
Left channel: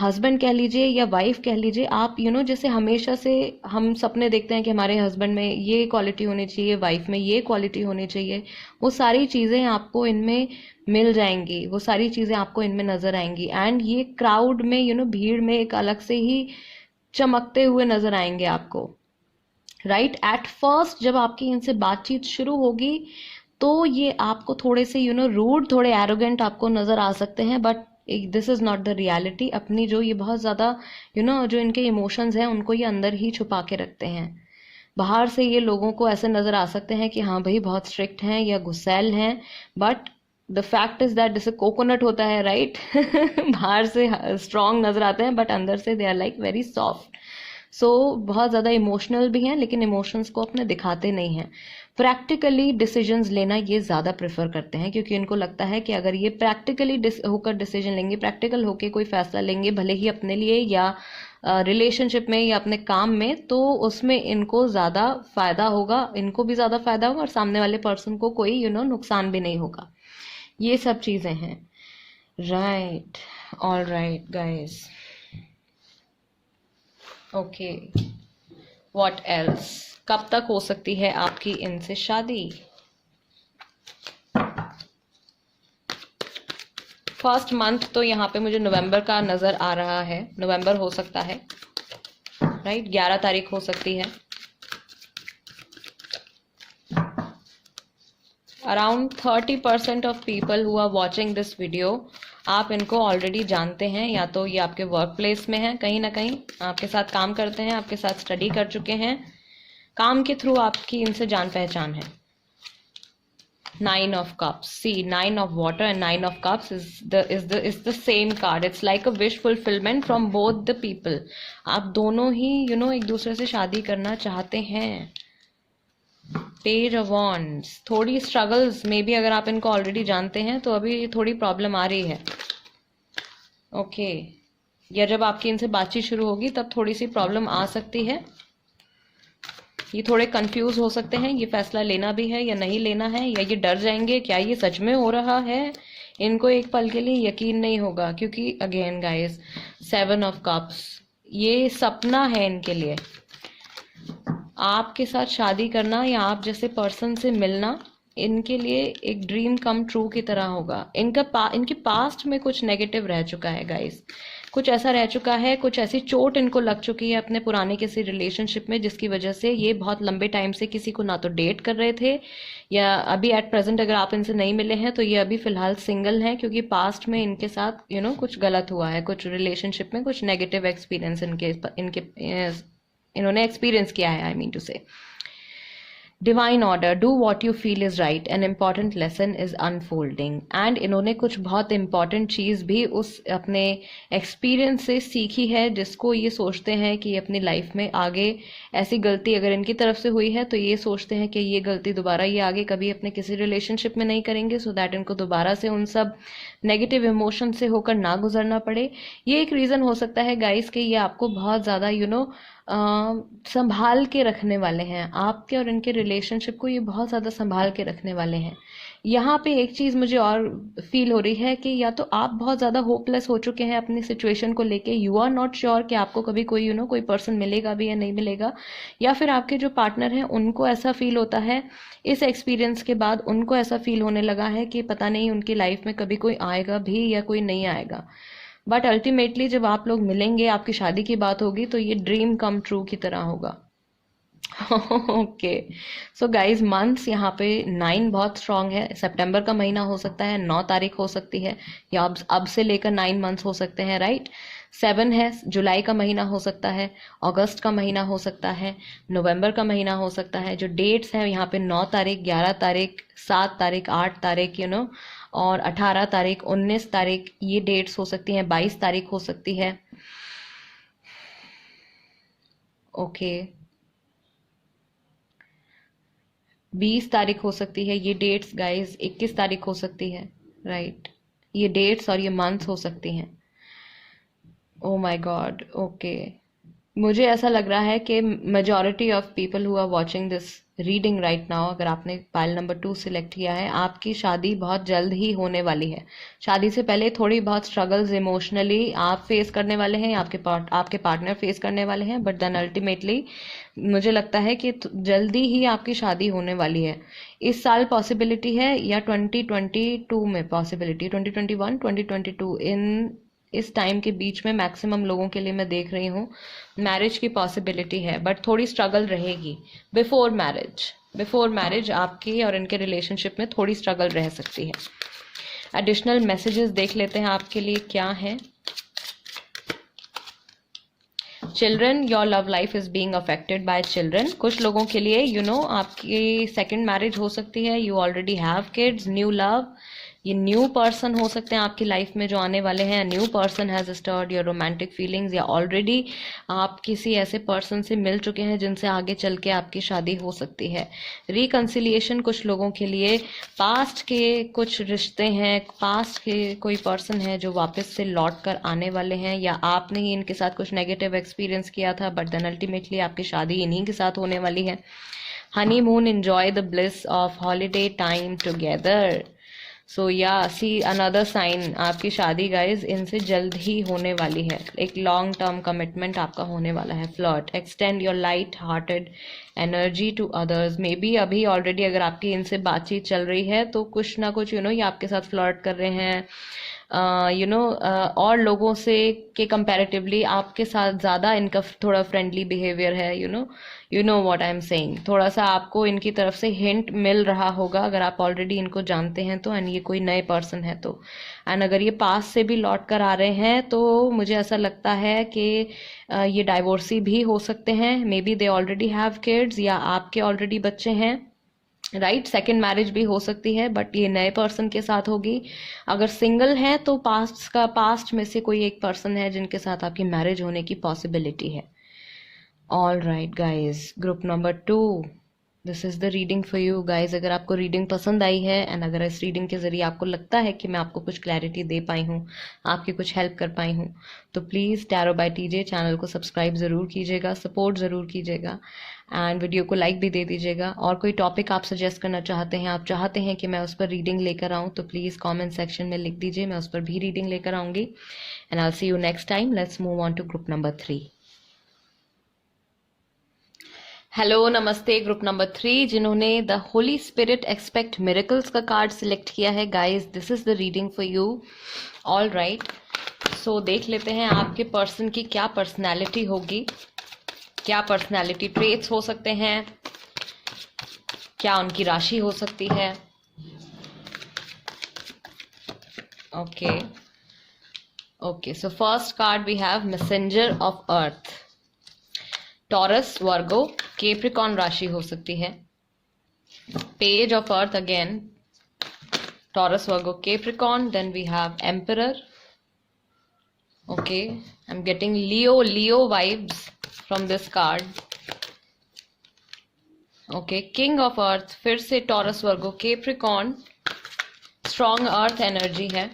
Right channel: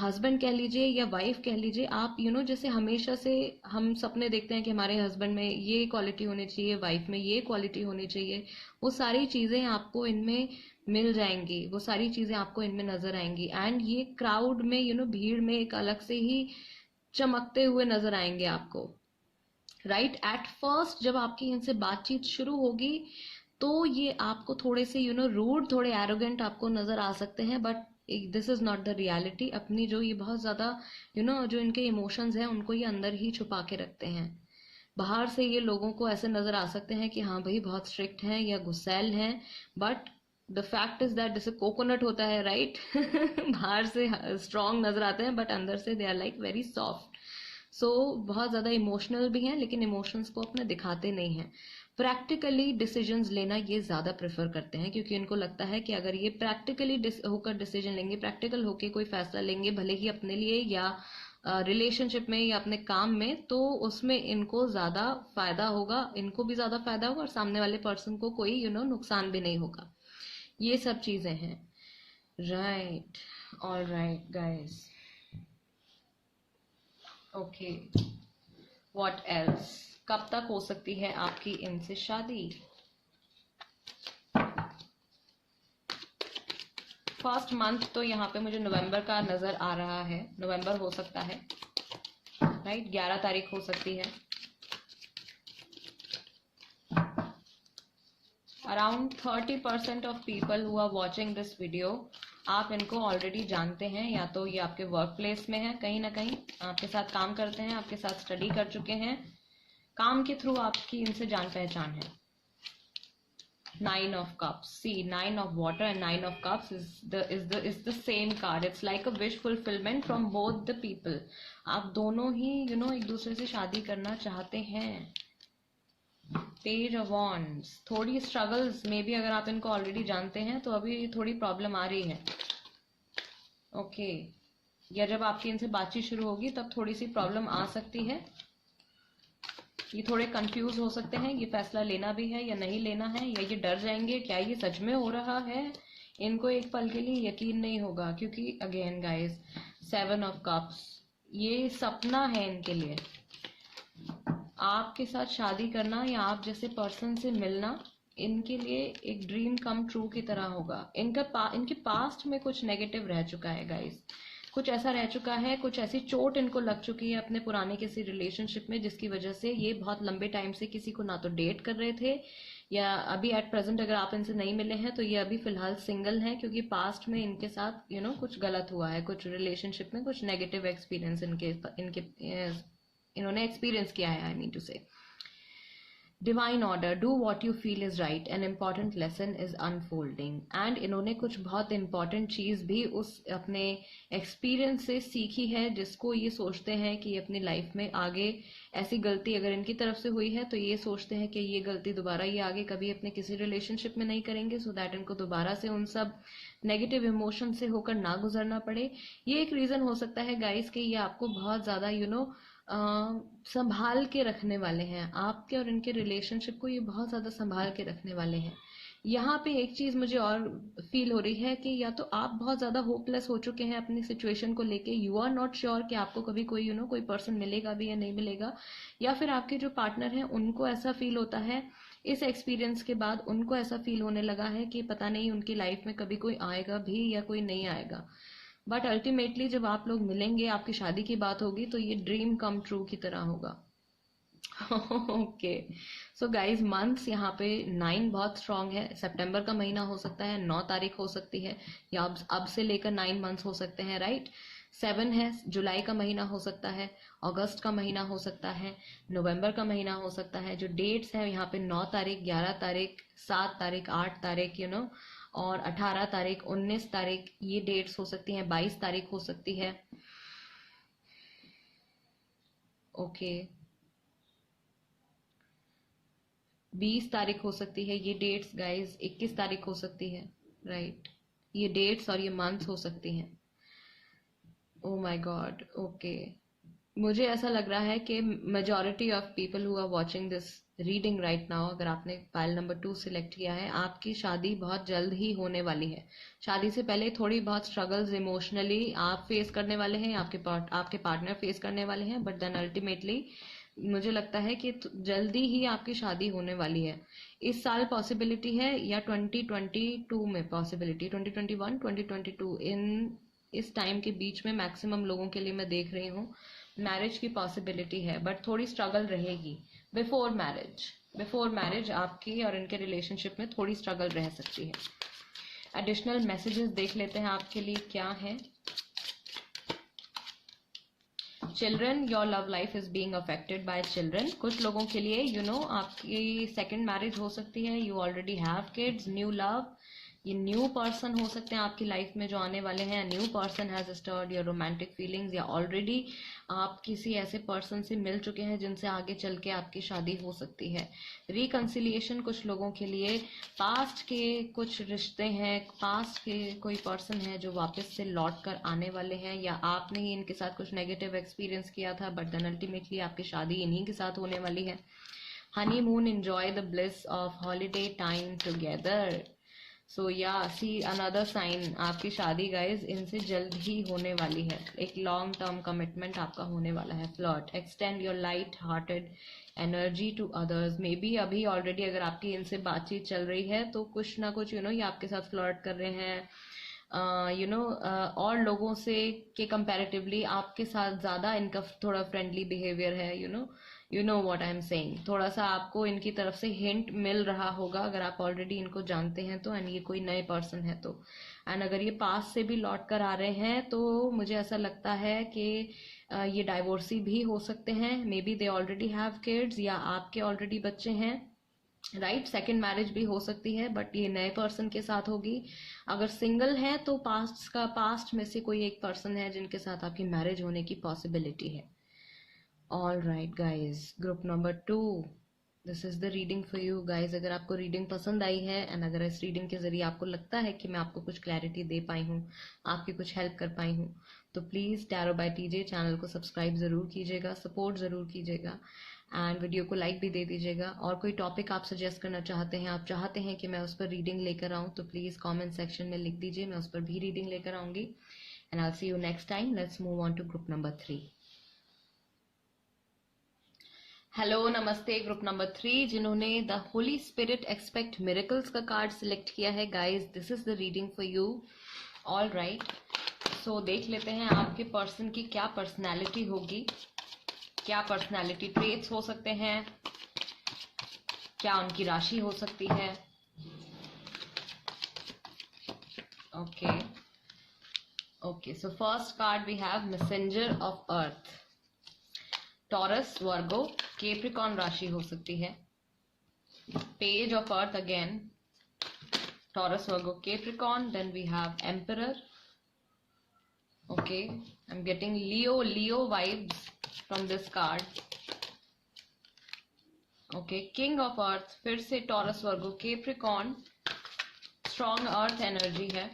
हस्बैंड कह लीजिए या वाइफ कह लीजिए, आप जैसे हमेशा से हम सपने देखते हैं कि हमारे हस्बैंड में ये क्वालिटी होनी चाहिए, वाइफ में ये क्वालिटी होनी चाहिए, वो सारी चीज़ें आपको इनमें मिल जाएंगी, वो सारी चीज़ें आपको इनमें नज़र आएंगी। एंड ये क्राउड में भीड़ में एक अलग से ही चमकते हुए नज़र आएंगे आपको, राइट। एट फर्स्ट जब आपकी इनसे बातचीत शुरू होगी तो ये आपको थोड़े से रूड, थोड़े एरोगेंट आपको नज़र आ सकते हैं, but this is not the reality. अपनी जो ये बहुत ज़्यादा जो इनके इमोशंस हैं उनको ये अंदर ही छुपा के रखते हैं। बाहर से ये लोगों को ऐसे नज़र आ सकते हैं कि हाँ भाई बहुत स्ट्रिक्ट हैं या गुस्सैल हैं, but the fact is that जैसे कोकोनट होता है, राइट बाहर से स्ट्रॉन्ग नज़र आते हैं बट अंदर से they are like very soft. So बहुत ज़्यादा इमोशनल भी हैं लेकिन इमोशंस को अपने दिखाते नहीं हैं। प्रैक्टिकली डिसीजंस लेना ये ज़्यादा प्रेफर करते हैं, क्योंकि इनको लगता है कि अगर ये प्रैक्टिकली होकर डिसीजन लेंगे, प्रैक्टिकल होकर कोई फैसला लेंगे, भले ही अपने लिए या रिलेशनशिप में या अपने काम में, तो उसमें इनको ज़्यादा फ़ायदा होगा, इनको भी ज़्यादा फ़ायदा होगा और सामने वाले पर्सन को कोई नुकसान भी नहीं होगा। ये सब चीज़ें हैं, right. All right guys, okay, what else? कब तक हो सकती है आपकी इनसे शादी? फर्स्ट मंथ तो यहाँ पे मुझे नवंबर का नज़र आ रहा है, नवंबर हो सकता है, राइट। 11 तारीख हो सकती है। Around 30% of people who are watching this video, आप इनको ऑलरेडी जानते हैं, या तो ये आपके वर्क प्लेस में हैं, कहीं ना कहीं आपके साथ काम करते हैं, आपके साथ स्टडी कर चुके हैं, काम के थ्रू आपकी इनसे जान पहचान है। 9 of cups, see 9 of water and 9 of cups is the same card. It's like a wish fulfillment from both the people. आप दोनों ही एक दूसरे से शादी करना चाहते हैं। पेज ऑफ वॉन्ड्स, थोड़ी स्ट्रगल्स में भी, अगर आप इनको ऑलरेडी जानते हैं तो अभी थोड़ी प्रॉब्लम आ रही है, ओके। या जब आपकी इनसे बातचीत शुरू होगी तब थोड़ी सी प्रॉब्लम आ सकती है। ये थोड़े कंफ्यूज हो सकते हैं, ये फैसला लेना भी है या नहीं लेना है, या ये डर जाएंगे क्या ये सच में हो रहा है। इनको एक पल के लिए यकीन नहीं होगा, क्योंकि अगेन गाइस 7 of cups, ये सपना है इनके लिए। आपके साथ शादी करना या आप जैसे पर्सन से मिलना इनके लिए एक ड्रीम कम ट्रू की तरह होगा। इनके पास्ट में कुछ नेगेटिव रह चुका है गाइस, कुछ ऐसा रह चुका है, कुछ ऐसी चोट इनको लग चुकी है अपने पुराने किसी रिलेशनशिप में, जिसकी वजह से ये बहुत लंबे टाइम से किसी को ना तो डेट कर रहे थे, या अभी एट प्रेजेंट अगर आप इनसे नहीं मिले हैं तो ये अभी फिलहाल सिंगल हैं, क्योंकि पास्ट में इनके साथ कुछ गलत हुआ है, कुछ रिलेशनशिप में कुछ नेगेटिव एक्सपीरियंस इन्होंने एक्सपीरियंस किया है, आई मीन टू से। Divine order, do what you feel is right, an important lesson is unfolding. And इन्होंने कुछ बहुत इंपॉर्टेंट चीज़ भी उस अपने एक्सपीरियंस से सीखी है, जिसको ये सोचते हैं कि अपनी लाइफ में आगे ऐसी गलती अगर इनकी तरफ से हुई है तो ये सोचते हैं कि ये गलती दोबारा ये आगे कभी अपने किसी रिलेशनशिप में नहीं करेंगे, सो दैट इनको दोबारा से उन सब नेगेटिव इमोशन से होकर ना गुजरना पड़े। ये एक रीज़न हो सकता है गाइस कि ये आपको बहुत ज़्यादा संभाल के रखने वाले हैं, आपके और इनके रिलेशनशिप को ये बहुत ज़्यादा संभाल के रखने वाले हैं। यहाँ पे एक चीज़ मुझे और फील हो रही है कि या तो आप बहुत ज़्यादा होपलेस हो चुके हैं अपनी सिचुएशन को लेके, यू आर नॉट श्योर कि आपको कभी कोई कोई पर्सन मिलेगा भी या नहीं मिलेगा, या फिर आपके जो पार्टनर हैं उनको ऐसा फील होता है इस एक्सपीरियंस के बाद, उनको ऐसा फील होने लगा है कि पता नहीं उनकी लाइफ में कभी कोई आएगा भी या कोई नहीं आएगा। बट अल्टीमेटली जब आप लोग मिलेंगे, आपकी शादी की बात होगी, तो ये ड्रीम कम ट्रू की तरह होगा। ओके, सो गाइज मंथ्स यहाँ पे 9 बहुत स्ट्रांग है। सितंबर का महीना हो सकता है, 9 तारीख हो सकती है, या अब से लेकर 9 मंथ्स हो सकते हैं, राइट। 7 है, जुलाई का महीना हो सकता है, अगस्त का महीना हो सकता है, नवंबर का महीना हो सकता है। जो डेट्स हैं यहाँ पे 9 तारीख, 11 तारीख, 7 तारीख, 8 तारीख, और 18 तारीख, 19 तारीख, ये डेट्स हो सकती हैं, 22 तारीख हो सकती है, ओके, 20 तारीख हो सकती है ये डेट्स गाइस, 21 तारीख हो सकती है, राइट। ये डेट्स और ये मंथ्स हो सकती हैं। ओ माय गॉड, ओके, मुझे ऐसा लग रहा है कि majority of people who are watching this reading right now, अगर आपने पाइल नंबर 2 सिलेक्ट किया है, आपकी शादी बहुत जल्द ही होने वाली है। शादी से पहले थोड़ी बहुत स्ट्रगल्स इमोशनली आप फेस करने वाले हैं, आपके पार्टनर फेस करने वाले हैं, बट देन अल्टीमेटली मुझे लगता है कि जल्दी ही आपकी शादी होने वाली है। इस साल पॉसिबिलिटी है, या 2022 में पॉसिबिलिटी, 2021 2022 इन इस टाइम के बीच में मैक्सिमम लोगों के लिए मैं देख रही हूँ मैरिज की पॉसिबिलिटी है, बट थोड़ी स्ट्रगल रहेगी बिफोर मैरिज आपकी और इनके रिलेशनशिप में थोड़ी स्ट्रगल रह सकती है। एडिशनल मैसेजेस देख लेते हैं आपके लिए क्या है। Children, your love life is being affected by children. कुछ लोगों के लिए आपकी सेकंड मैरिज हो सकती है, you already have kids, new love, ये न्यू पर्सन हो सकते हैं आपकी लाइफ में जो आने वाले हैं। New person has start your romantic feelings, या ऑलरेडी आप किसी ऐसे पर्सन से मिल चुके हैं जिनसे आगे चल के आपकी शादी हो सकती है। रिकंसिलिएशन, कुछ लोगों के लिए पास्ट के कुछ रिश्ते हैं, पास्ट के कोई पर्सन है जो वापस से लौट कर आने वाले हैं, या आपने ही इनके साथ कुछ नेगेटिव एक्सपीरियंस किया था, बट देन अल्टीमेटली आपकी शादी इन्हीं के साथ होने वाली है। Honeymoon, enjoy the bliss of holiday time together. So ya see another sign, आपकी शादी गाइज इनसे जल्द ही होने वाली है, एक लॉन्ग टर्म कमिटमेंट आपका होने वाला है। Flirt, extend your light hearted energy to others. Maybe अभी ऑलरेडी अगर आपकी इनसे बातचीत चल रही है तो कुछ ना कुछ ये आपके साथ फ्लर्ट कर रहे हैं, और लोगों से के कंपैरेटिवली आपके साथ ज़्यादा इनका थोड़ा फ्रेंडली बिहेवियर है। You know what I am saying, थोड़ा सा आपको इनकी तरफ से हिंट मिल रहा होगा अगर आप ऑलरेडी इनको जानते हैं तो, एंड ये कोई नए पर्सन है तो। एंड अगर ये पास से भी लौट कर आ रहे हैं तो मुझे ऐसा लगता है कि ये डाइवोर्सी भी हो सकते हैं। May be they already have kids, या आपके ऑलरेडी बच्चे हैं, राइट। सेकेंड मैरिज भी हो सकती है, बट ये नए पर्सन के साथ होगी। अगर सिंगल हैं तो पास्ट में से कोई एक पर्सन है जिनके साथ आपकी मैरिज होने की पॉसिबिलिटी है। All right guys, group number 2, this is the reading for you guys. अगर आपको रीडिंग पसंद आई है, एंड अगर इस रीडिंग के ज़रिए आपको लगता है कि मैं आपको कुछ क्लैरिटी दे पाई हूँ, आपकी कुछ हेल्प कर पाई हूँ, तो please tarot by TJ channel को सब्सक्राइब ज़रूर कीजिएगा, सपोर्ट ज़रूर कीजिएगा, एंड वीडियो को लाइक भी दे दीजिएगा। और कोई टॉपिक आप सजेस्ट करना चाहते हैं, आप चाहते हैं कि मैं उस पर रीडिंग लेकर आऊँ, तो प्लीज़ कमेंट सेक्शन में लिख दीजिए, मैं उस पर भी रीडिंग लेकर आऊँगी। And I will see you next time. Let's move on to group number 3। Hello, नमस्ते। ग्रुप नंबर 3 जिन्होंने the Holy Spirit expect miracles का कार्ड सिलेक्ट किया है guys, this is the reading for you. All right, so देख लेते हैं आपके पर्सन की क्या पर्सनैलिटी होगी, क्या पर्सनैलिटी ट्रेट्स हो सकते हैं, क्या उनकी राशि हो सकती है। Okay, so first card we have messenger of earth. Taurus, Virgo, Capricorn राशि हो सकती है। Page of earth again, Taurus, Virgo, Capricorn. Then we have emperor. Okay, I am getting Leo vibes from this card. Okay, king of earth, फिर से Taurus, Virgo, Capricorn. Strong earth energy है,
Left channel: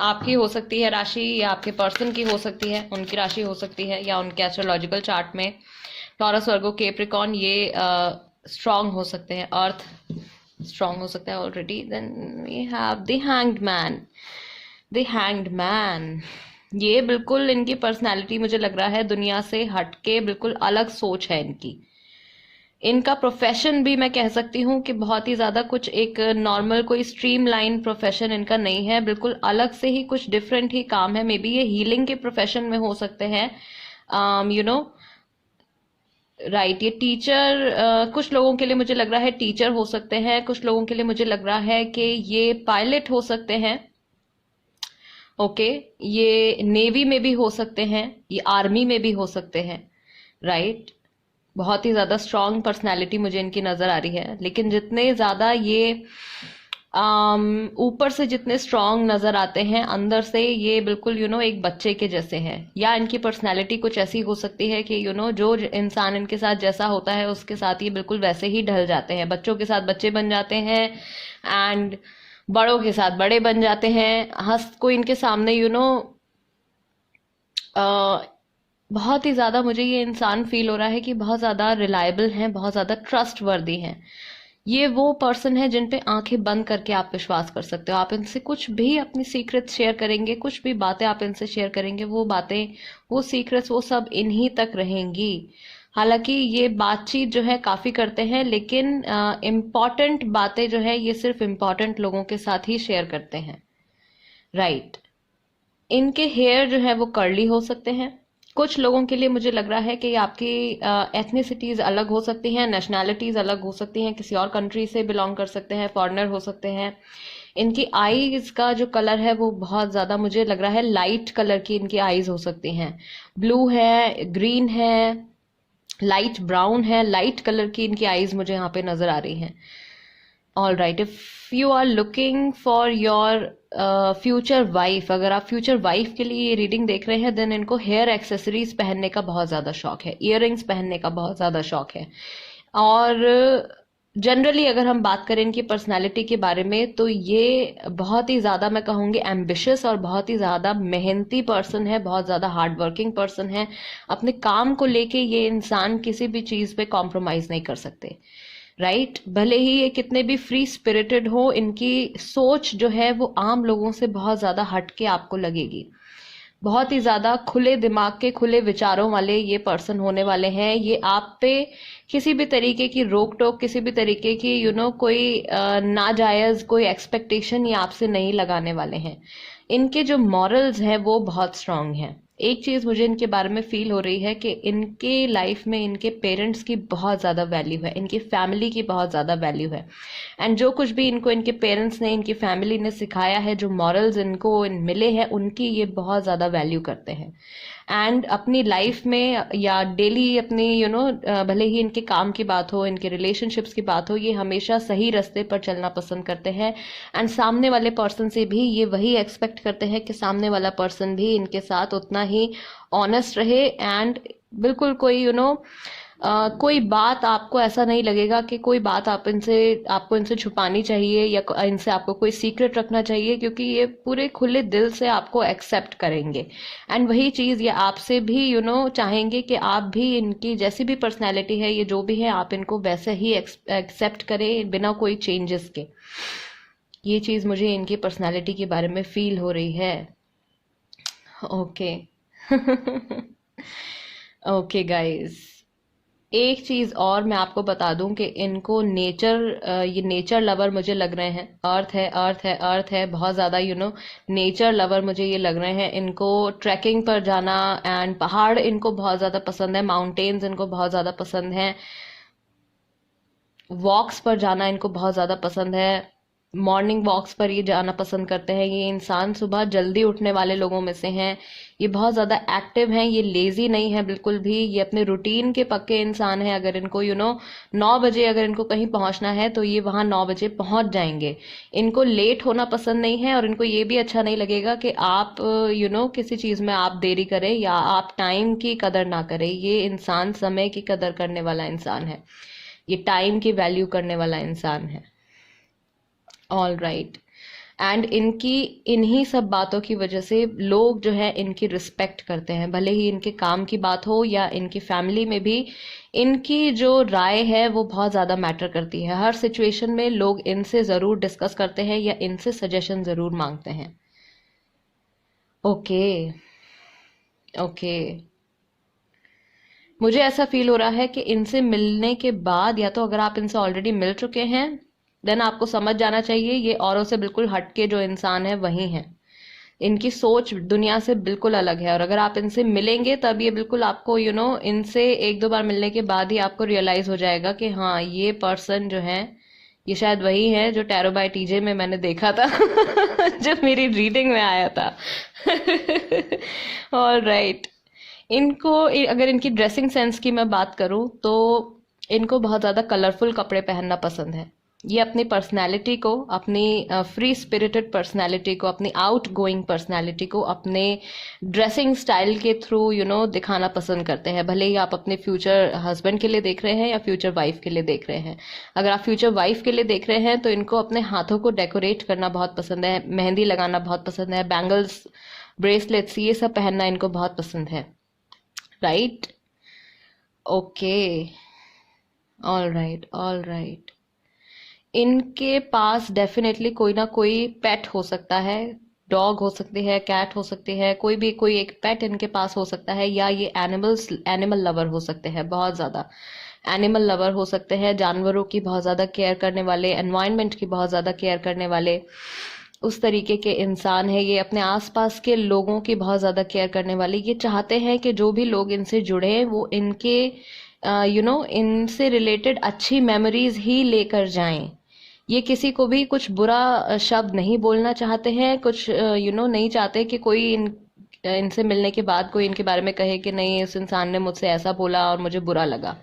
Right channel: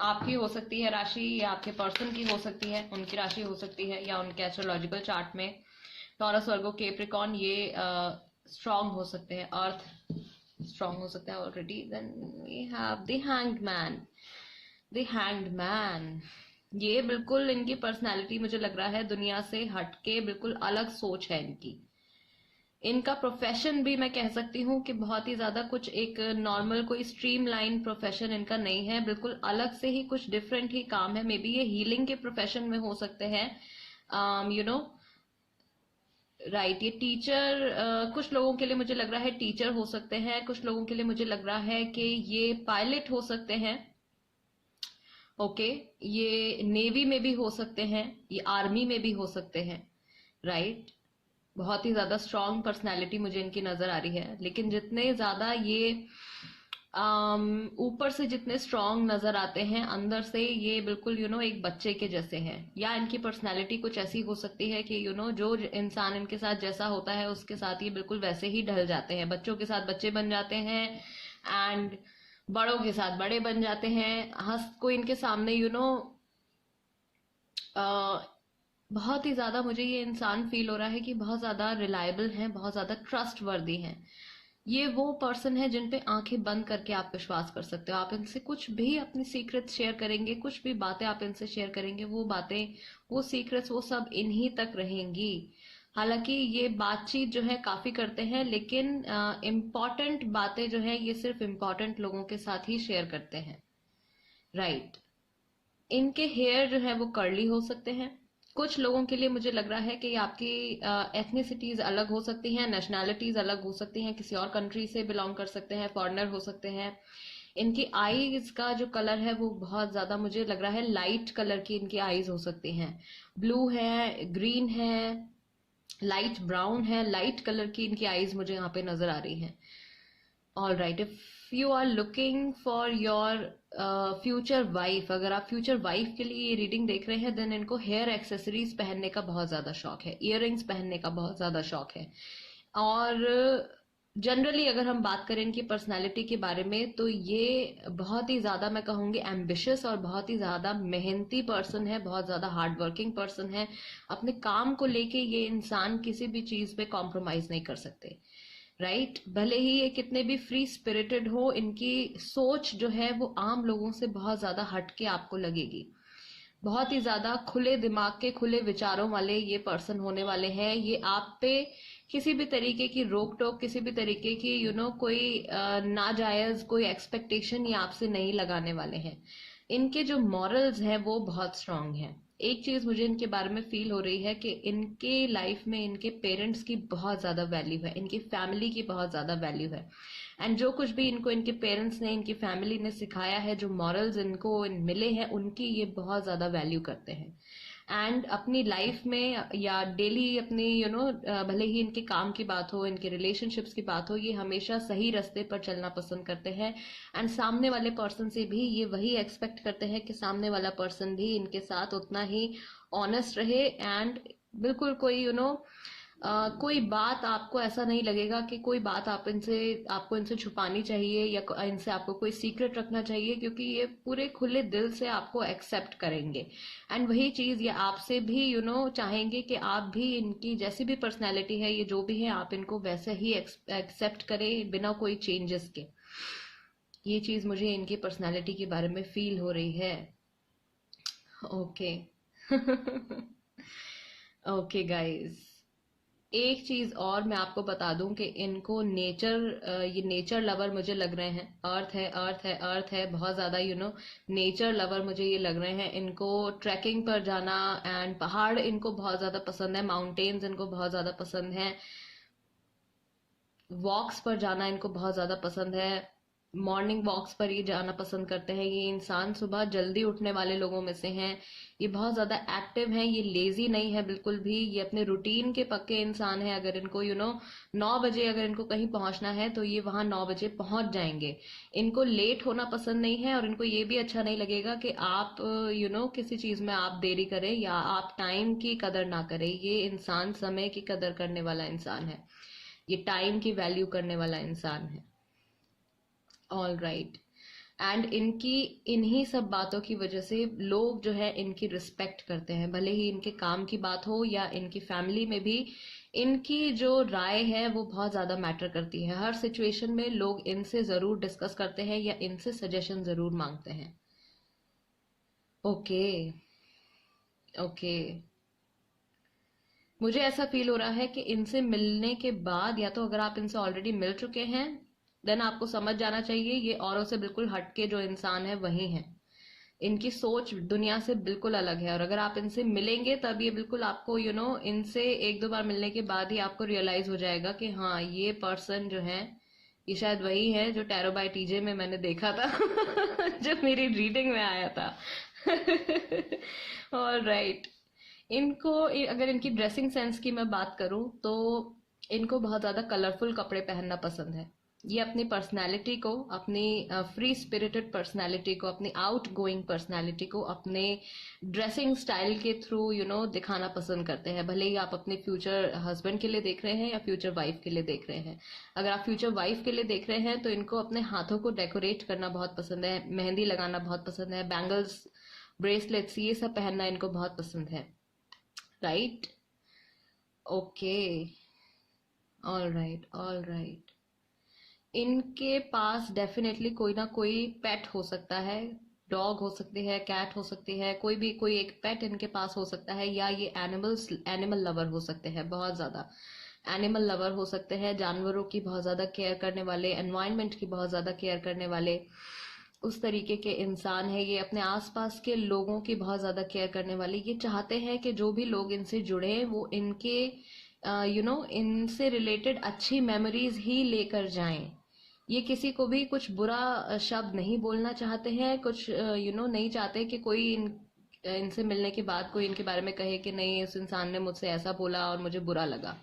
आपकी हो सकती है राशि, या आपके पर्सन की हो सकती है, उनकी राशि हो सकती है, या उनके एस्ट्रोलॉजिकल चार्ट में टॉरस, वर्गो, कैप्रिकॉर्न ये स्ट्रॉन्ग हो सकते हैं, अर्थ स्ट्रॉन्ग हो सकता है already. Then we have the hanged man. ये बिल्कुल इनकी पर्सनालिटी मुझे लग रहा है दुनिया से हटके बिल्कुल अलग सोच है इनकी। इनका प्रोफेशन भी मैं कह सकती हूँ कि बहुत ही ज़्यादा कुछ एक नॉर्मल कोई स्ट्रीमलाइन प्रोफेशन इनका नहीं है, बिल्कुल अलग से ही कुछ डिफरेंट ही काम है। मे बी ये हीलिंग के प्रोफेशन में हो सकते हैं, राइट। ये टीचर, कुछ लोगों के लिए मुझे लग रहा है टीचर हो सकते हैं, कुछ लोगों के लिए मुझे लग रहा है कि ये पायलट हो सकते हैं। ओके, ये नेवी में भी हो सकते हैं, ये आर्मी में भी हो सकते हैं, राइट। बहुत ही ज़्यादा स्ट्रॉन्ग पर्सनैलिटी मुझे इनकी नज़र आ रही है, लेकिन जितने ज़्यादा ये ऊपर से जितने स्ट्रॉन्ग नज़र आते हैं, अंदर से ये बिल्कुल एक बच्चे के जैसे हैं। या इनकी पर्सनैलिटी कुछ ऐसी हो सकती है कि जो इंसान इनके साथ जैसा होता है उसके साथ ये बिल्कुल वैसे ही ढल जाते हैं। बच्चों के साथ बच्चे बन जाते हैं, एंड बड़ों के साथ बड़े बन जाते हैं। कोई इनके सामने बहुत ही ज़्यादा मुझे ये इंसान फील हो रहा है कि बहुत ज़्यादा रिलायबल हैं, बहुत ज़्यादा ट्रस्ट वर्दी हैं। ये वो पर्सन है जिन पे आंखें बंद करके आप विश्वास कर सकते हो। आप इनसे कुछ भी अपनी सीक्रेट शेयर करेंगे, कुछ भी बातें आप इनसे शेयर करेंगे, वो बातें, वो सीक्रेट्स, वो सब इन्हीं तक रहेंगी। हालांकि ये बातचीत जो है काफ़ी करते हैं, लेकिन इम्पॉर्टेंट बातें जो है ये सिर्फ इम्पॉर्टेंट लोगों के साथ ही शेयर करते हैं। राइट। इनके हेयर जो है वो कर्ली हो सकते हैं। कुछ लोगों के लिए मुझे लग रहा है कि आपकी एथनिसिटीज़ अलग हो सकती हैं, नेशनैलिटीज़ अलग हो सकती हैं, किसी और कंट्री से बिलोंग कर सकते हैं, फॉरेनर हो सकते हैं। इनकी आईज का जो कलर है वो बहुत ज़्यादा मुझे लग रहा है लाइट कलर की इनकी आईज हो सकती हैं। ब्लू है, ग्रीन है, लाइट ब्राउन है, लाइट कलर की इनकी आईज मुझे यहाँ पे नज़र आ रही हैं। All right, if you are looking for your future wife, अगर आप फ्यूचर वाइफ के लिए ये रीडिंग देख रहे हैं, देन इनको हेयर एक्सेसरीज पहनने का बहुत ज़्यादा शौक है, इयररिंग्स पहनने का बहुत ज़्यादा शौक है। और जनरली अगर हम बात करें इनकी पर्सनालिटी के बारे में, तो ये बहुत ही ज़्यादा, मैं कहूँगी, एम्बिशियस और बहुत ही ज़्यादा मेहनती पर्सन है, बहुत ज़्यादा हार्ड वर्किंग पर्सन है। अपने काम को लेके ये इंसान किसी भी चीज़ पे कॉम्प्रोमाइज़ नहीं कर सकते। राइट। भले ही ये कितने भी फ्री स्पिरिटेड हो, इनकी सोच जो है वो आम लोगों से बहुत ज़्यादा हटके आपको लगेगी। बहुत ही ज़्यादा खुले दिमाग के, खुले विचारों वाले ये पर्सन होने वाले हैं। ये आप पे किसी भी तरीके की रोक टोक, किसी भी तरीके की कोई नाजायज़ कोई एक्सपेक्टेशन ये आपसे नहीं लगाने वाले हैं। इनके जो मॉरल्स हैं वो बहुत स्ट्रांग हैं। एक चीज़ मुझे इनके बारे में फील हो रही है कि इनके लाइफ में इनके पेरेंट्स की बहुत ज़्यादा वैल्यू है, इनकी फैमिली की बहुत ज़्यादा वैल्यू है। एंड जो कुछ भी इनको इनके पेरेंट्स ने, इनकी फैमिली ने सिखाया है, जो मॉरल्स इनको मिले हैं, उनकी ये बहुत ज़्यादा वैल्यू करते हैं। एंड अपनी लाइफ में या डेली अपनी भले ही इनके काम की बात हो, इनके रिलेशनशिप्स की बात हो, ये हमेशा सही रास्ते पर चलना पसंद करते हैं। एंड सामने वाले पर्सन से भी ये वही एक्सपेक्ट करते हैं कि सामने वाला पर्सन भी इनके साथ उतना ही ऑनेस्ट रहे। एंड बिल्कुल कोई कोई बात आपको ऐसा नहीं लगेगा कि कोई बात आपको इनसे छुपानी चाहिए या इनसे आपको कोई सीक्रेट रखना चाहिए, क्योंकि ये पूरे खुले दिल से आपको एक्सेप्ट करेंगे। एंड वही चीज़ ये आपसे भी चाहेंगे कि आप भी इनकी जैसी भी पर्सनैलिटी है, ये जो भी है, आप इनको वैसे ही एक्सेप्ट करें बिना कोई चेंजेस के। ये चीज़ मुझे इनकी पर्सनैलिटी के बारे में फील हो रही है। ओके। ओके गाइस, एक चीज और मैं आपको बता दूं कि इनको ये नेचर लवर मुझे लग रहे हैं। अर्थ है, अर्थ है, अर्थ है, बहुत ज्यादा नेचर लवर मुझे ये लग रहे हैं। इनको ट्रैकिंग पर जाना एंड पहाड़ इनको बहुत ज्यादा पसंद है, माउंटेन्स इनको बहुत ज्यादा पसंद है, वॉक्स पर जाना इनको बहुत ज़्यादा पसंद है। मॉर्निंग वॉक्स पर ये जाना पसंद करते हैं। ये इंसान सुबह जल्दी उठने वाले लोगों में से हैं। ये बहुत ज़्यादा एक्टिव हैं, ये लेज़ी नहीं है बिल्कुल भी। ये अपने रूटीन के पक्के इंसान हैं। अगर इनको 9 बजे अगर इनको कहीं पहुंचना है तो ये वहाँ 9 बजे पहुंच जाएंगे। इनको लेट होना पसंद नहीं है, और इनको ये भी अच्छा नहीं लगेगा कि आप किसी चीज़ में आप देरी करें या आप टाइम की कदर ना करें। ये इंसान समय की कदर करने वाला इंसान है, ये टाइम की वैल्यू करने वाला इंसान है। All right. एंड इनकी इन्हीं सब बातों की वजह से लोग जो है इनकी रिस्पेक्ट करते हैं, भले ही इनके काम की बात हो या इनकी फैमिली में भी इनकी जो राय है वो बहुत ज़्यादा मैटर करती है। हर सिचुएशन में लोग इनसे ज़रूर डिस्कस करते हैं या इनसे सजेशन ज़रूर मांगते हैं। ओके। ओके। मुझे ऐसा फील हो रहा है कि इनसे मिलने के बाद, या तो अगर आप इनसे ऑलरेडी मिल चुके हैं, देन आपको समझ जाना चाहिए ये औरों से बिल्कुल हटके जो इंसान है वही है। इनकी सोच दुनिया से बिल्कुल अलग है। और अगर आप इनसे मिलेंगे तब ये बिल्कुल आपको इनसे 1-2 बार मिलने के बाद ही आपको रियलाइज हो जाएगा कि हाँ, ये पर्सन जो है ये शायद वही है जो टैरो बाय टीजे में मैंने देखा था जो मेरी रीडिंग में आया था। All right. इनको अगर इनकी ड्रेसिंग सेंस की मैं बात करूं तो इनको बहुत ज़्यादा कलरफुल कपड़े पहनना पसंद है। ये अपनी पर्सनैलिटी को, अपनी फ्री स्पिरिटेड पर्सनैलिटी को, अपनी आउट गोइंग पर्सनैलिटी को अपने ड्रेसिंग स्टाइल के थ्रू दिखाना पसंद करते हैं। भले ही आप अपने फ्यूचर हस्बैंड के लिए देख रहे हैं या फ्यूचर वाइफ के लिए देख रहे हैं। अगर आप फ्यूचर वाइफ के लिए देख रहे हैं तो इनको अपने हाथों को डेकोरेट करना बहुत पसंद है, मेहंदी लगाना बहुत पसंद है, बैंगल्स, ब्रेसलेट्स, ये सब पहनना इनको बहुत पसंद है। Right? Okay, all right, all right. इनके पास डेफिनेटली कोई ना कोई पेट हो सकता है, डॉग हो सकती है, कैट हो सकती है, कोई भी कोई एक पेट इनके पास हो सकता है, या ये एनिमल लवर हो सकते हैं, बहुत ज़्यादा एनिमल लवर हो सकते हैं, जानवरों की बहुत ज़्यादा केयर करने वाले, एनवायरनमेंट की बहुत ज़्यादा केयर करने वाले, उस तरीके के इंसान है ये। अपने आसपास के लोगों की बहुत ज़्यादा केयर करने वाले, ये चाहते हैं कि जो भी लोग इनसे जुड़े हैं वो इनके इनसे रिलेटेड अच्छी मेमोरीज ही लेकर जाएं। ये किसी को भी कुछ बुरा शब्द नहीं बोलना चाहते हैं, कुछ नहीं चाहते कि कोई इनसे मिलने के बाद कोई इनके बारे में कहे कि नहीं, इस इंसान ने मुझसे ऐसा बोला और मुझे बुरा लगा।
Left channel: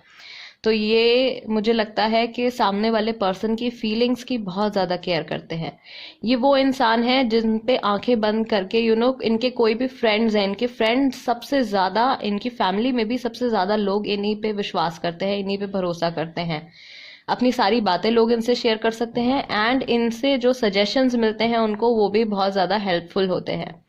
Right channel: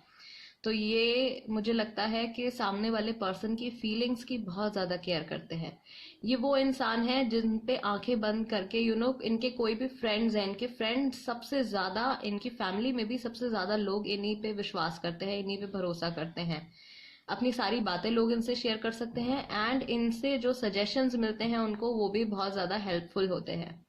तो ये मुझे लगता है कि सामने वाले पर्सन की फीलिंग्स की बहुत ज़्यादा केयर करते हैं। ये वो इंसान है जिन पे आंखें बंद करके इनके कोई भी फ्रेंड्स हैं, इनके फ्रेंड्स सबसे ज़्यादा, इनकी फैमिली में भी सबसे ज़्यादा लोग इन्हीं पे विश्वास करते हैं, इन्हीं पे भरोसा करते हैं। अपनी सारी बातें लोग इनसे शेयर कर सकते हैं, एंड इनसे जो सजेशंस मिलते हैं उनको, वो भी बहुत ज़्यादा हेल्पफुल होते हैं।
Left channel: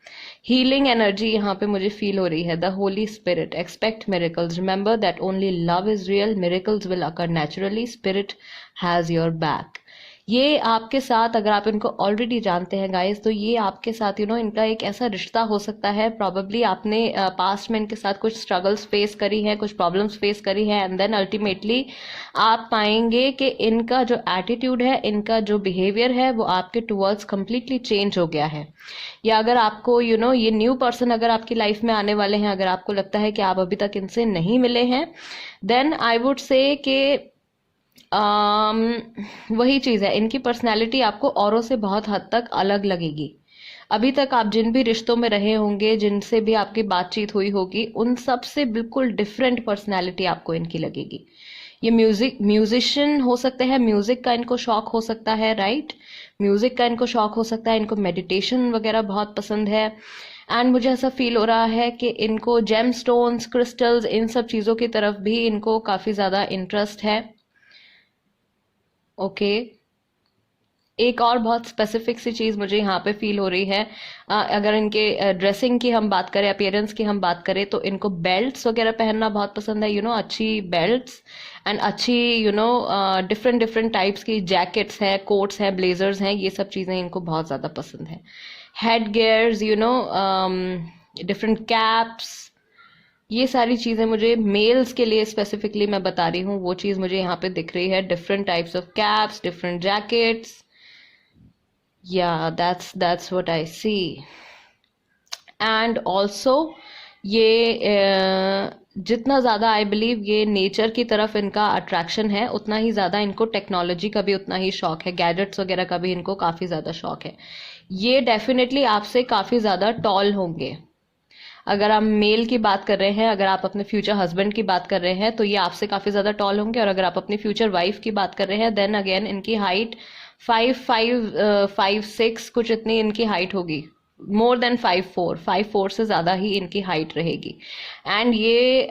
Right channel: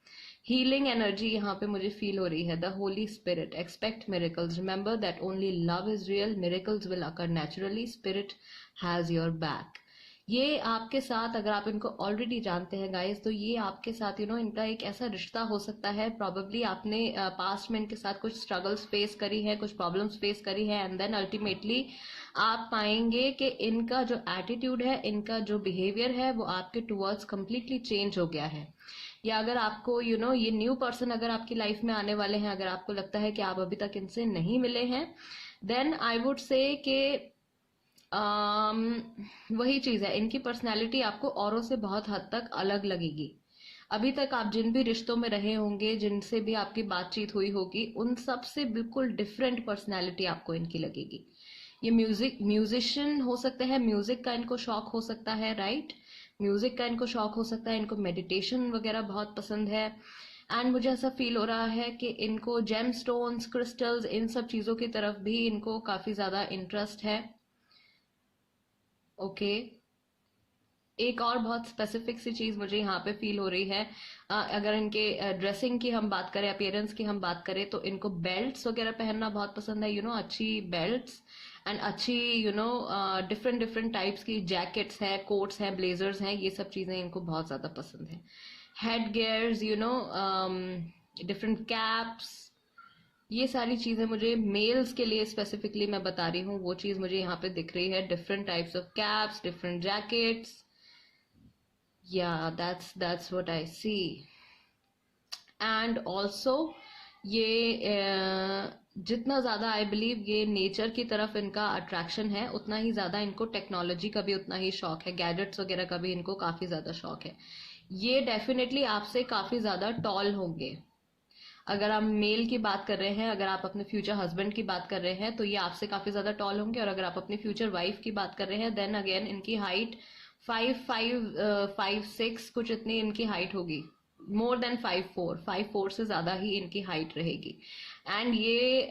हीलिंग एनर्जी यहाँ पे मुझे फील हो रही है। The Holy Spirit, expect miracles, remember that only love is real, miracles will occur naturally, spirit has your back. ये आपके साथ, अगर आप इनको ऑलरेडी जानते हैं गाइस, तो ये आपके साथ इनका एक ऐसा रिश्ता हो सकता है, प्रॉबेबली आपने पास्ट में इनके साथ कुछ स्ट्रगल्स फेस करी हैं, कुछ प्रॉब्लम्स फेस करी हैं, एंड देन अल्टीमेटली आप पाएंगे कि इनका जो एटीट्यूड है, इनका जो बिहेवियर है, वो आपके टुवर्ड्स कंप्लीटली चेंज हो गया है। या अगर आपको ये न्यू पर्सन अगर आपकी लाइफ में आने वाले हैं, अगर आपको लगता है कि आप अभी तक इनसे नहीं मिले हैं, देन आई वुड से कि वही चीज़ है, इनकी पर्सनैलिटी आपको औरों से बहुत हद तक अलग लगेगी। अभी तक आप जिन भी रिश्तों में रहे होंगे, जिनसे भी आपकी बातचीत हुई होगी, उन सब से बिल्कुल डिफरेंट पर्सनैलिटी आपको इनकी लगेगी। ये म्यूजिशियन हो सकते हैं, म्यूजिक का इनको शौक हो सकता है, राइट? म्यूजिक का इनको शौक हो सकता है, इनको मेडिटेशन वगैरह बहुत पसंद है, एंड मुझे ऐसा फील हो रहा है कि इनको जेम स्टोन्स, क्रिस्टल्स, इन सब चीज़ों की तरफ भी इनको काफ़ी ज़्यादा इंटरेस्ट है। ओके, एक और बहुत स्पेसिफिक सी चीज़ मुझे यहाँ पे फील हो रही है। अगर इनके ड्रेसिंग की हम बात करें, अपीयरेंस की हम बात करें, तो इनको बेल्ट्स वगैरह पहनना बहुत पसंद है, अच्छी बेल्ट्स, एंड अच्छी डिफरेंट डिफरेंट टाइप्स की जैकेट्स हैं, कोट्स हैं, ब्लेजर्स हैं, ये सब चीज़ें इनको बहुत ज़्यादा पसंद है। हेड गेयर्स, डिफरेंट कैप्स, ये सारी चीज़ें मुझे मेल्स के लिए स्पेसिफिकली मैं बता रही हूँ, वो चीज़ मुझे यहाँ पे दिख रही है। Different types of caps, different jackets, yeah, that's what I see. And also ये जितना ज़्यादा आई बिलीव ये नेचर की तरफ इनका अट्रैक्शन है, उतना ही ज़्यादा इनको टेक्नोलॉजी का भी उतना ही शौक है, गैजेट्स वगैरह का भी इनको काफ़ी ज़्यादा शौक है। ये डेफिनेटली आपसे काफ़ी ज़्यादा टॉल होंगे। अगर हम मेल की बात कर रहे हैं, अगर आप अपने फ्यूचर हस्बैंड की बात कर रहे हैं, तो ये आपसे काफ़ी ज़्यादा टॉल होंगे, और अगर आप अपनी फ्यूचर वाइफ की बात कर रहे हैं, देन अगेन इनकी हाइट 5'6" कुछ इतनी इनकी हाइट होगी, मोर देन 5'4" से ज़्यादा ही इनकी हाइट रहेगी। एंड ये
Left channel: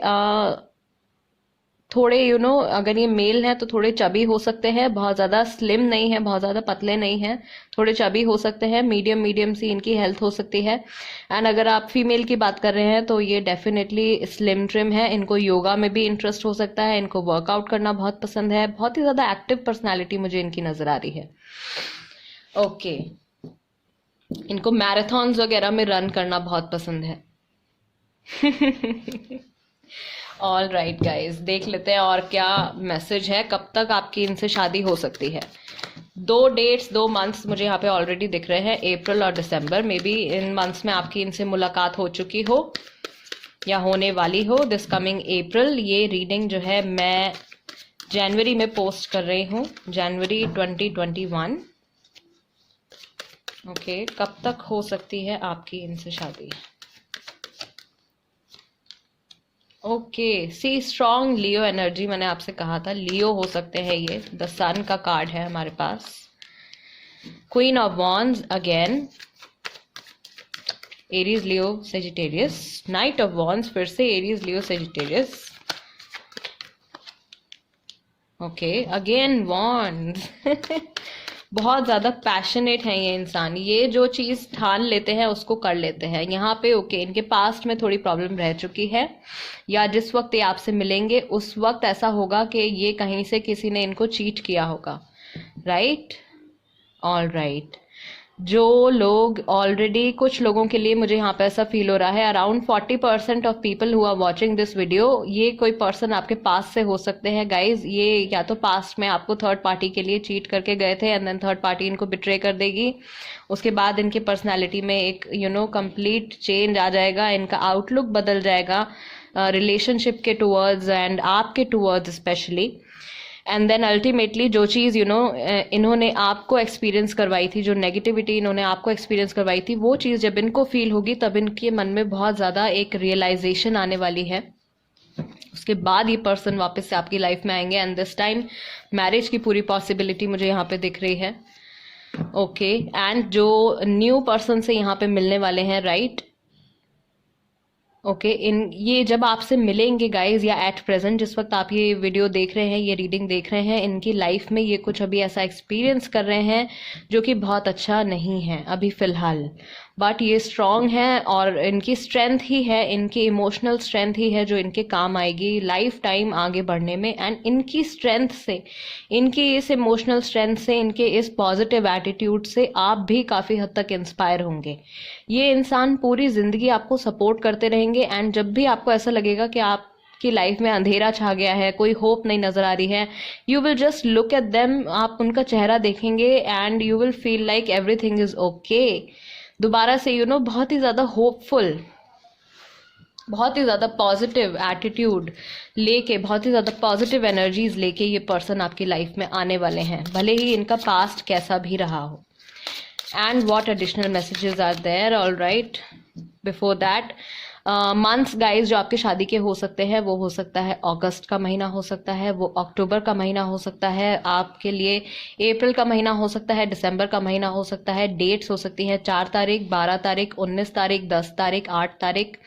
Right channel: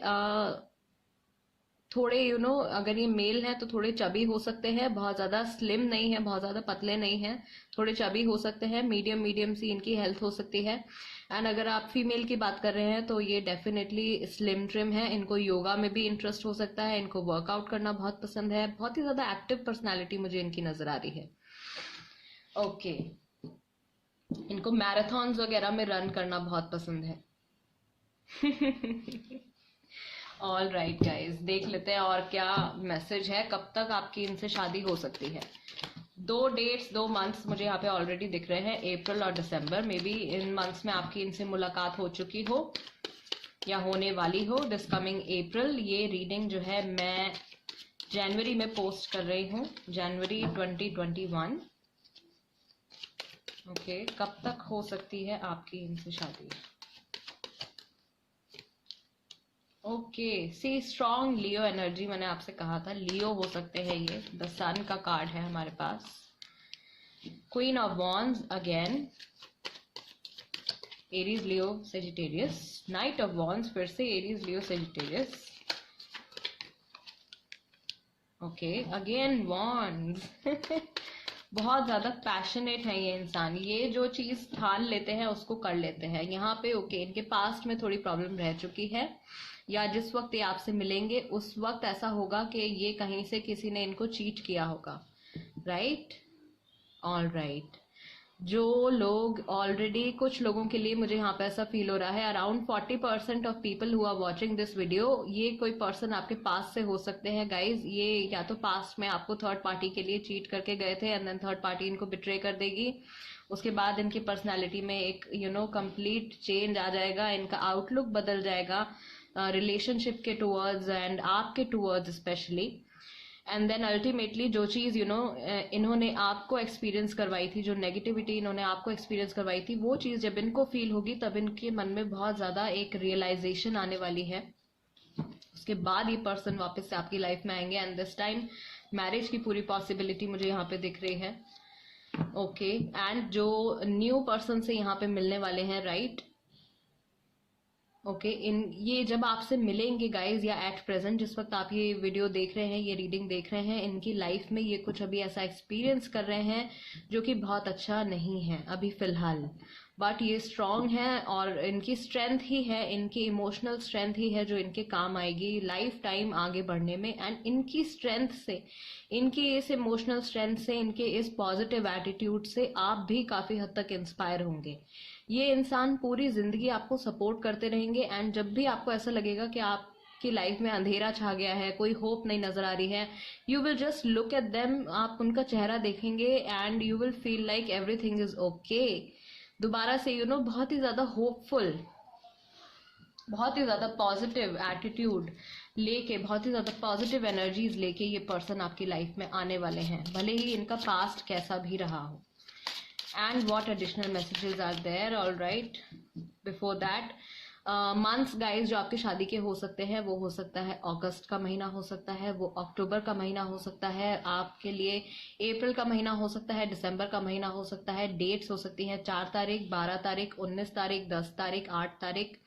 थोड़े अगर ये मेल हैं तो थोड़े चबी हो सकते हैं, बहुत ज़्यादा स्लिम नहीं है, बहुत ज़्यादा पतले नहीं हैं, थोड़े चबी हो सकते हैं, मीडियम मीडियम सी इनकी हेल्थ हो सकती है। एंड अगर आप फीमेल की बात कर रहे हैं तो ये डेफिनेटली स्लिम ट्रिम है, इनको योगा में भी इंटरेस्ट हो सकता है, इनको वर्कआउट करना बहुत पसंद है, बहुत ही ज़्यादा एक्टिव पर्सनैलिटी मुझे इनकी नज़र आ रही है। ओके, इनको मैराथन्स वगैरह में रन करना बहुत पसंद है। ऑल राइट गाइज, देख लेते हैं और क्या मैसेज है, कब तक आपकी इनसे शादी हो सकती है। 2 मंथ्स मुझे यहाँ पे ऑलरेडी दिख रहे हैं, अप्रैल और दिसंबर। मे बी इन मंथ्स में आपकी इनसे मुलाकात हो चुकी हो या होने वाली हो, दिस कमिंग अप्रैल। ये रीडिंग जो है मैं जनवरी में पोस्ट कर रही हूँ, जनवरी 2021। ओके, कब तक हो सकती है आपकी इनसे शादी? ओके, सी स्ट्रॉन्ग लियो एनर्जी, मैंने आपसे कहा था लियो हो सकते हैं ये। द सन का कार्ड है हमारे पास, queen of wands again, Aries Leo Sagittarius, knight of wands फिर से Aries Leo Sagittarius, okay, again wands. बहुत ज़्यादा पैशनेट है ये इंसान, ये जो चीज़ ठान लेते हैं उसको कर लेते हैं। यहाँ पे ओके, इनके पास्ट में थोड़ी प्रॉब्लम रह चुकी है, या जिस वक्त ये आपसे मिलेंगे उस वक्त ऐसा होगा कि ये कहीं से किसी ने इनको चीट किया होगा, राइट? All right. जो लोग ऑलरेडी, कुछ लोगों के लिए मुझे यहाँ पे ऐसा फील हो रहा है, around 40% of people who are watching this video, ये कोई पर्सन आपके पास से हो सकते हैं गाइज। ये या तो पास्ट में आपको थर्ड पार्टी के लिए चीट करके गए थे एंड देन थर्ड पार्टी इनको बिट्रे कर देगी, उसके बाद इनकी पर्सनैलिटी में एक कंप्लीट चेंज आ जाएगा, इनका आउटलुक बदल जाएगा रिलेशनशिप के टूवर्ड्स एंड आपके towards especially. And then ultimately जो चीज़ इन्होंने आपको एक्सपीरियंस करवाई थी, जो नेगेटिविटी इन्होंने आपको एक्सपीरियंस करवाई थी, वो चीज़ जब इनको फील होगी तब इनके मन में बहुत ज़्यादा एक रियलाइजेशन आने वाली है। उसके बाद ये पर्सन वापस से आपकी लाइफ में आएंगे एंड दिस टाइम मैरिज की पूरी पॉसिबिलिटी मुझे यहाँ पे दिख रही है। ओके, एंड जो न्यू पर्सन से यहाँ पे मिलने वाले हैं, राइट? ओके, इन ये जब आपसे मिलेंगे गाइज, या एट प्रेजेंट जिस वक्त आप ये वीडियो देख रहे हैं, ये रीडिंग देख रहे हैं, इनकी लाइफ में ये कुछ अभी ऐसा एक्सपीरियंस कर रहे हैं जो कि बहुत अच्छा नहीं है अभी फ़िलहाल, बट ये स्ट्रॉन्ग है और इनकी स्ट्रेंथ ही है, इनकी इमोशनल स्ट्रेंथ ही है जो इनके काम आएगी लाइफ टाइम आगे बढ़ने में। एंड इनकी स्ट्रेंथ से, इनकी इस इमोशनल स्ट्रेंथ से, इनके इस पॉजिटिव एटीट्यूड से आप भी काफ़ी हद तक इंस्पायर होंगे। ये इंसान पूरी ज़िंदगी आपको सपोर्ट करते रहेंगे एंड जब भी आपको ऐसा लगेगा कि आप की लाइफ में अंधेरा छा गया है, कोई होप नहीं नजर आ रही है, you will just look at them, आप उनका चेहरा देखेंगे and you will feel like everything is okay. दोबारा से बहुत ही ज़्यादा होपफुल, बहुत ही ज़्यादा पॉजिटिव एटीट्यूड लेके, बहुत ही ज़्यादा पॉजिटिव एनर्जीज लेके ये पर्सन आपकी लाइफ में आने वाले हैं, भले ही इनका पास्ट कैसा भी रहा हो। And what additional messages are there? All right, before that months guys जो आपकी शादी के हो सकते हैं, वो हो सकता है अगस्त का महीना हो सकता है, वो अक्टूबर का महीना हो सकता है, आपके लिए अप्रैल का महीना हो सकता है, दिसंबर का महीना हो सकता है। डेट्स हो सकती हैं 4 तारीख, 12 तारीख, 19 तारीख, 10 तारीख, 8 तारीख,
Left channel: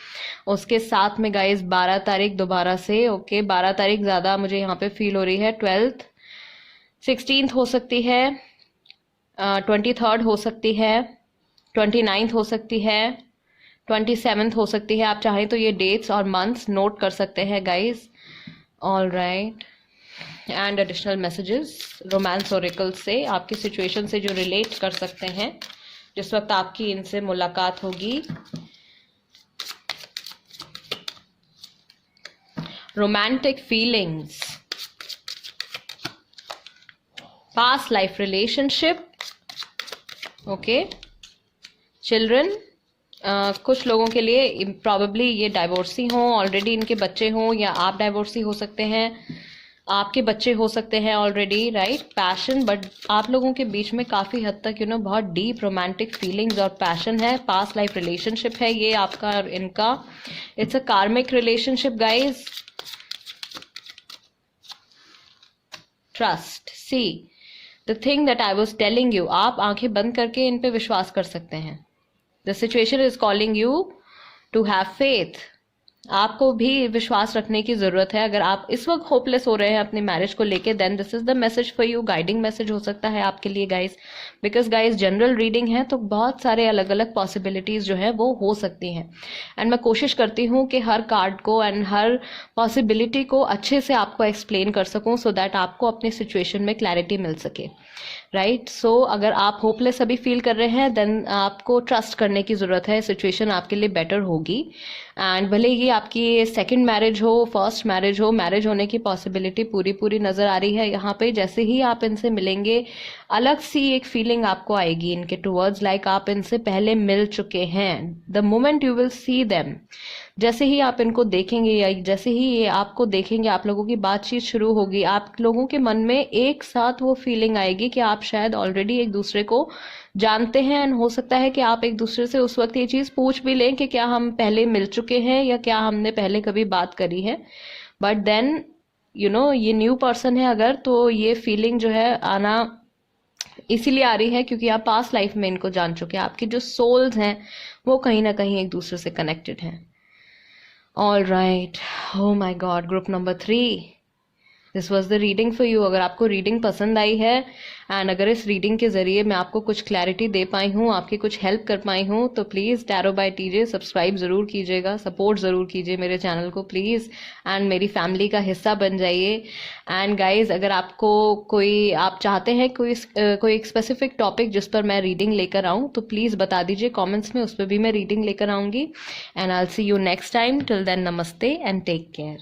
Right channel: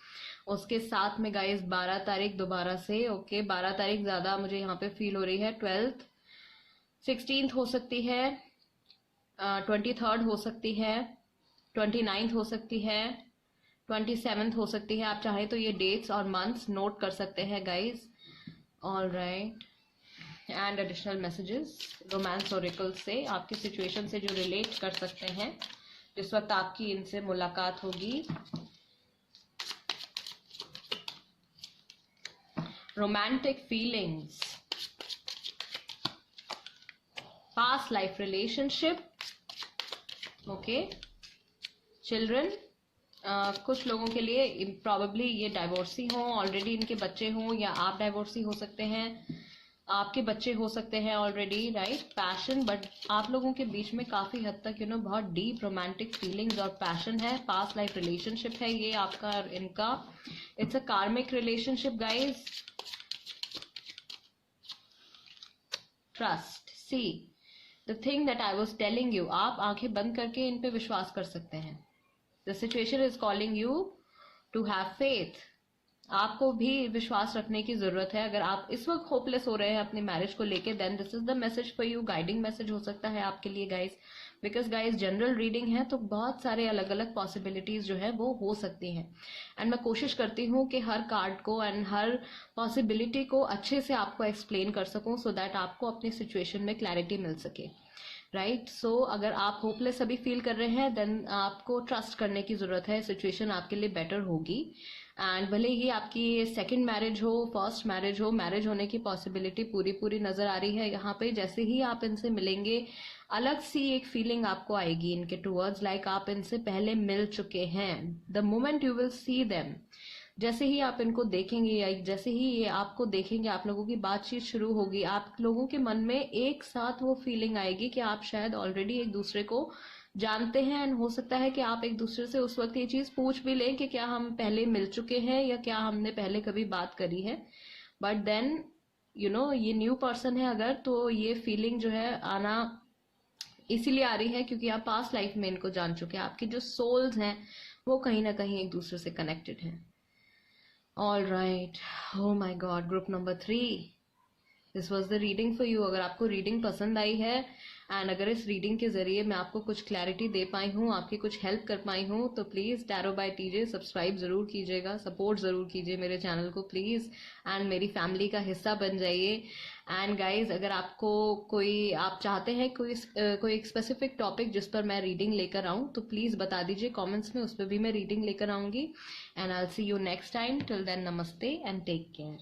उसके साथ में गाइज 12 तारीख दोबारा से। ओके, 12 तारीख ज़्यादा मुझे यहाँ पे फील हो रही है, 12th, 16th हो सकती है, 23rd हो सकती है, 29th हो सकती है, 27th हो सकती है। आप चाहें तो ये डेट्स और मंथ्स नोट कर सकते हैं guys. All right, and additional messages romance Oracle से, आपकी सिचुएशन से जो रिलेट कर सकते हैं जिस वक्त आपकी इनसे मुलाकात होगी। Romantic feelings, past life relationship, okay, children, कुछ लोगों के लिए प्रॉबेबली ये डाइवोर्सी हों, ऑलरेडी इनके बच्चे हों, या आप डाइवोर्सी हो सकते हैं, आपके बच्चे हो सकते हैं ऑलरेडी, राइट? पैशन, बट आप लोगों के बीच में काफ़ी हद तक बहुत डीप रोमांटिक फीलिंग्स और पैशन है, पास्ट लाइफ रिलेशनशिप है ये आपका और इनका। इट्स अ कार्मिक relationship guys. Trust, see the thing that I was telling you, आप आंखें बंद करके इन पे विश्वास कर सकते हैं। The situation is calling you to have faith. आपको भी विश्वास रखने की ज़रूरत है। अगर आप इस वक्त होपलेस हो रहे हैं अपनी मैरिज को लेके, then this is the message for you, guiding message हो सकता है आपके लिए guys. Because guys general reading है तो बहुत सारे अलग अलग पॉसिबिलिटीज़ जो है वो हो सकती हैं, एंड मैं कोशिश करती हूँ कि हर कार्ड को एंड हर पॉसिबिलिटी को अच्छे से आपको एक्सप्लेन कर सकूँ, सो दैट आपको अपनी सिचुएशन में क्लैरिटी मिल सके, राइट? सो अगर आप होपलेस अभी फील कर रहे हैं, देन आपको ट्रस्ट करने की ज़रूरत है, सिचुएशन आपके लिए बेटर होगी। एंड भले ही आपकी सेकंड मैरिज हो, फर्स्ट मैरिज हो, मैरिज होने की पॉसिबिलिटी पूरी नज़र आ रही है यहाँ पे। जैसे ही आप इनसे मिलेंगे, अलग सी एक फीलिंग आपको आएगी इनके टूवर्ड्स, लाइक आप इनसे पहले मिल चुके हैं। The moment you will see them, जैसे ही आप इनको देखेंगे या जैसे ही ये आपको देखेंगे, आप लोगों की बातचीत शुरू होगी, आप लोगों के मन में एक साथ वो फीलिंग आएगी कि आप शायद ऑलरेडी एक दूसरे को जानते हैं, एंड हो सकता है कि आप एक दूसरे से उस वक्त ये चीज़ पूछ भी लें कि क्या हम पहले मिल चुके हैं या क्या हमने पहले कभी बात करी है। बट देन ये न्यू पर्सन है अगर, तो ये फीलिंग जो है आना इसीलिए आ रही है क्योंकि आप पास्ट लाइफ में इनको जान चुके हैं, आपकी जो सोल्स हैं वो कहीं ना कहीं एक दूसरे से कनेक्टेड हैं। All right, oh my god, group number 3, this was the reading for you. अगर आपको रीडिंग पसंद आई है एंड अगर इस रीडिंग के ज़रिए मैं आपको कुछ क्लैरिटी दे पाई हूँ, आपकी कुछ हेल्प कर पाई हूँ, तो please tarot by TJ subscribe ज़रूर कीजिएगा, सपोर्ट ज़रूर कीजिए मेरे चैनल को प्लीज़, एंड मेरी फैमिली का हिस्सा बन जाइए। एंड गाइज, अगर आपको आप चाहते हैं कोई एक स्पेसिफिक टॉपिक जिस पर मैं रीडिंग लेकर आऊँ, तो प्लीज़ बता दीजिए कॉमेंट्स में, उस पर भी मैं रीडिंग लेकर आऊँगी। And I will see you next time. Till then, नमस्ते एंड टेक केयर।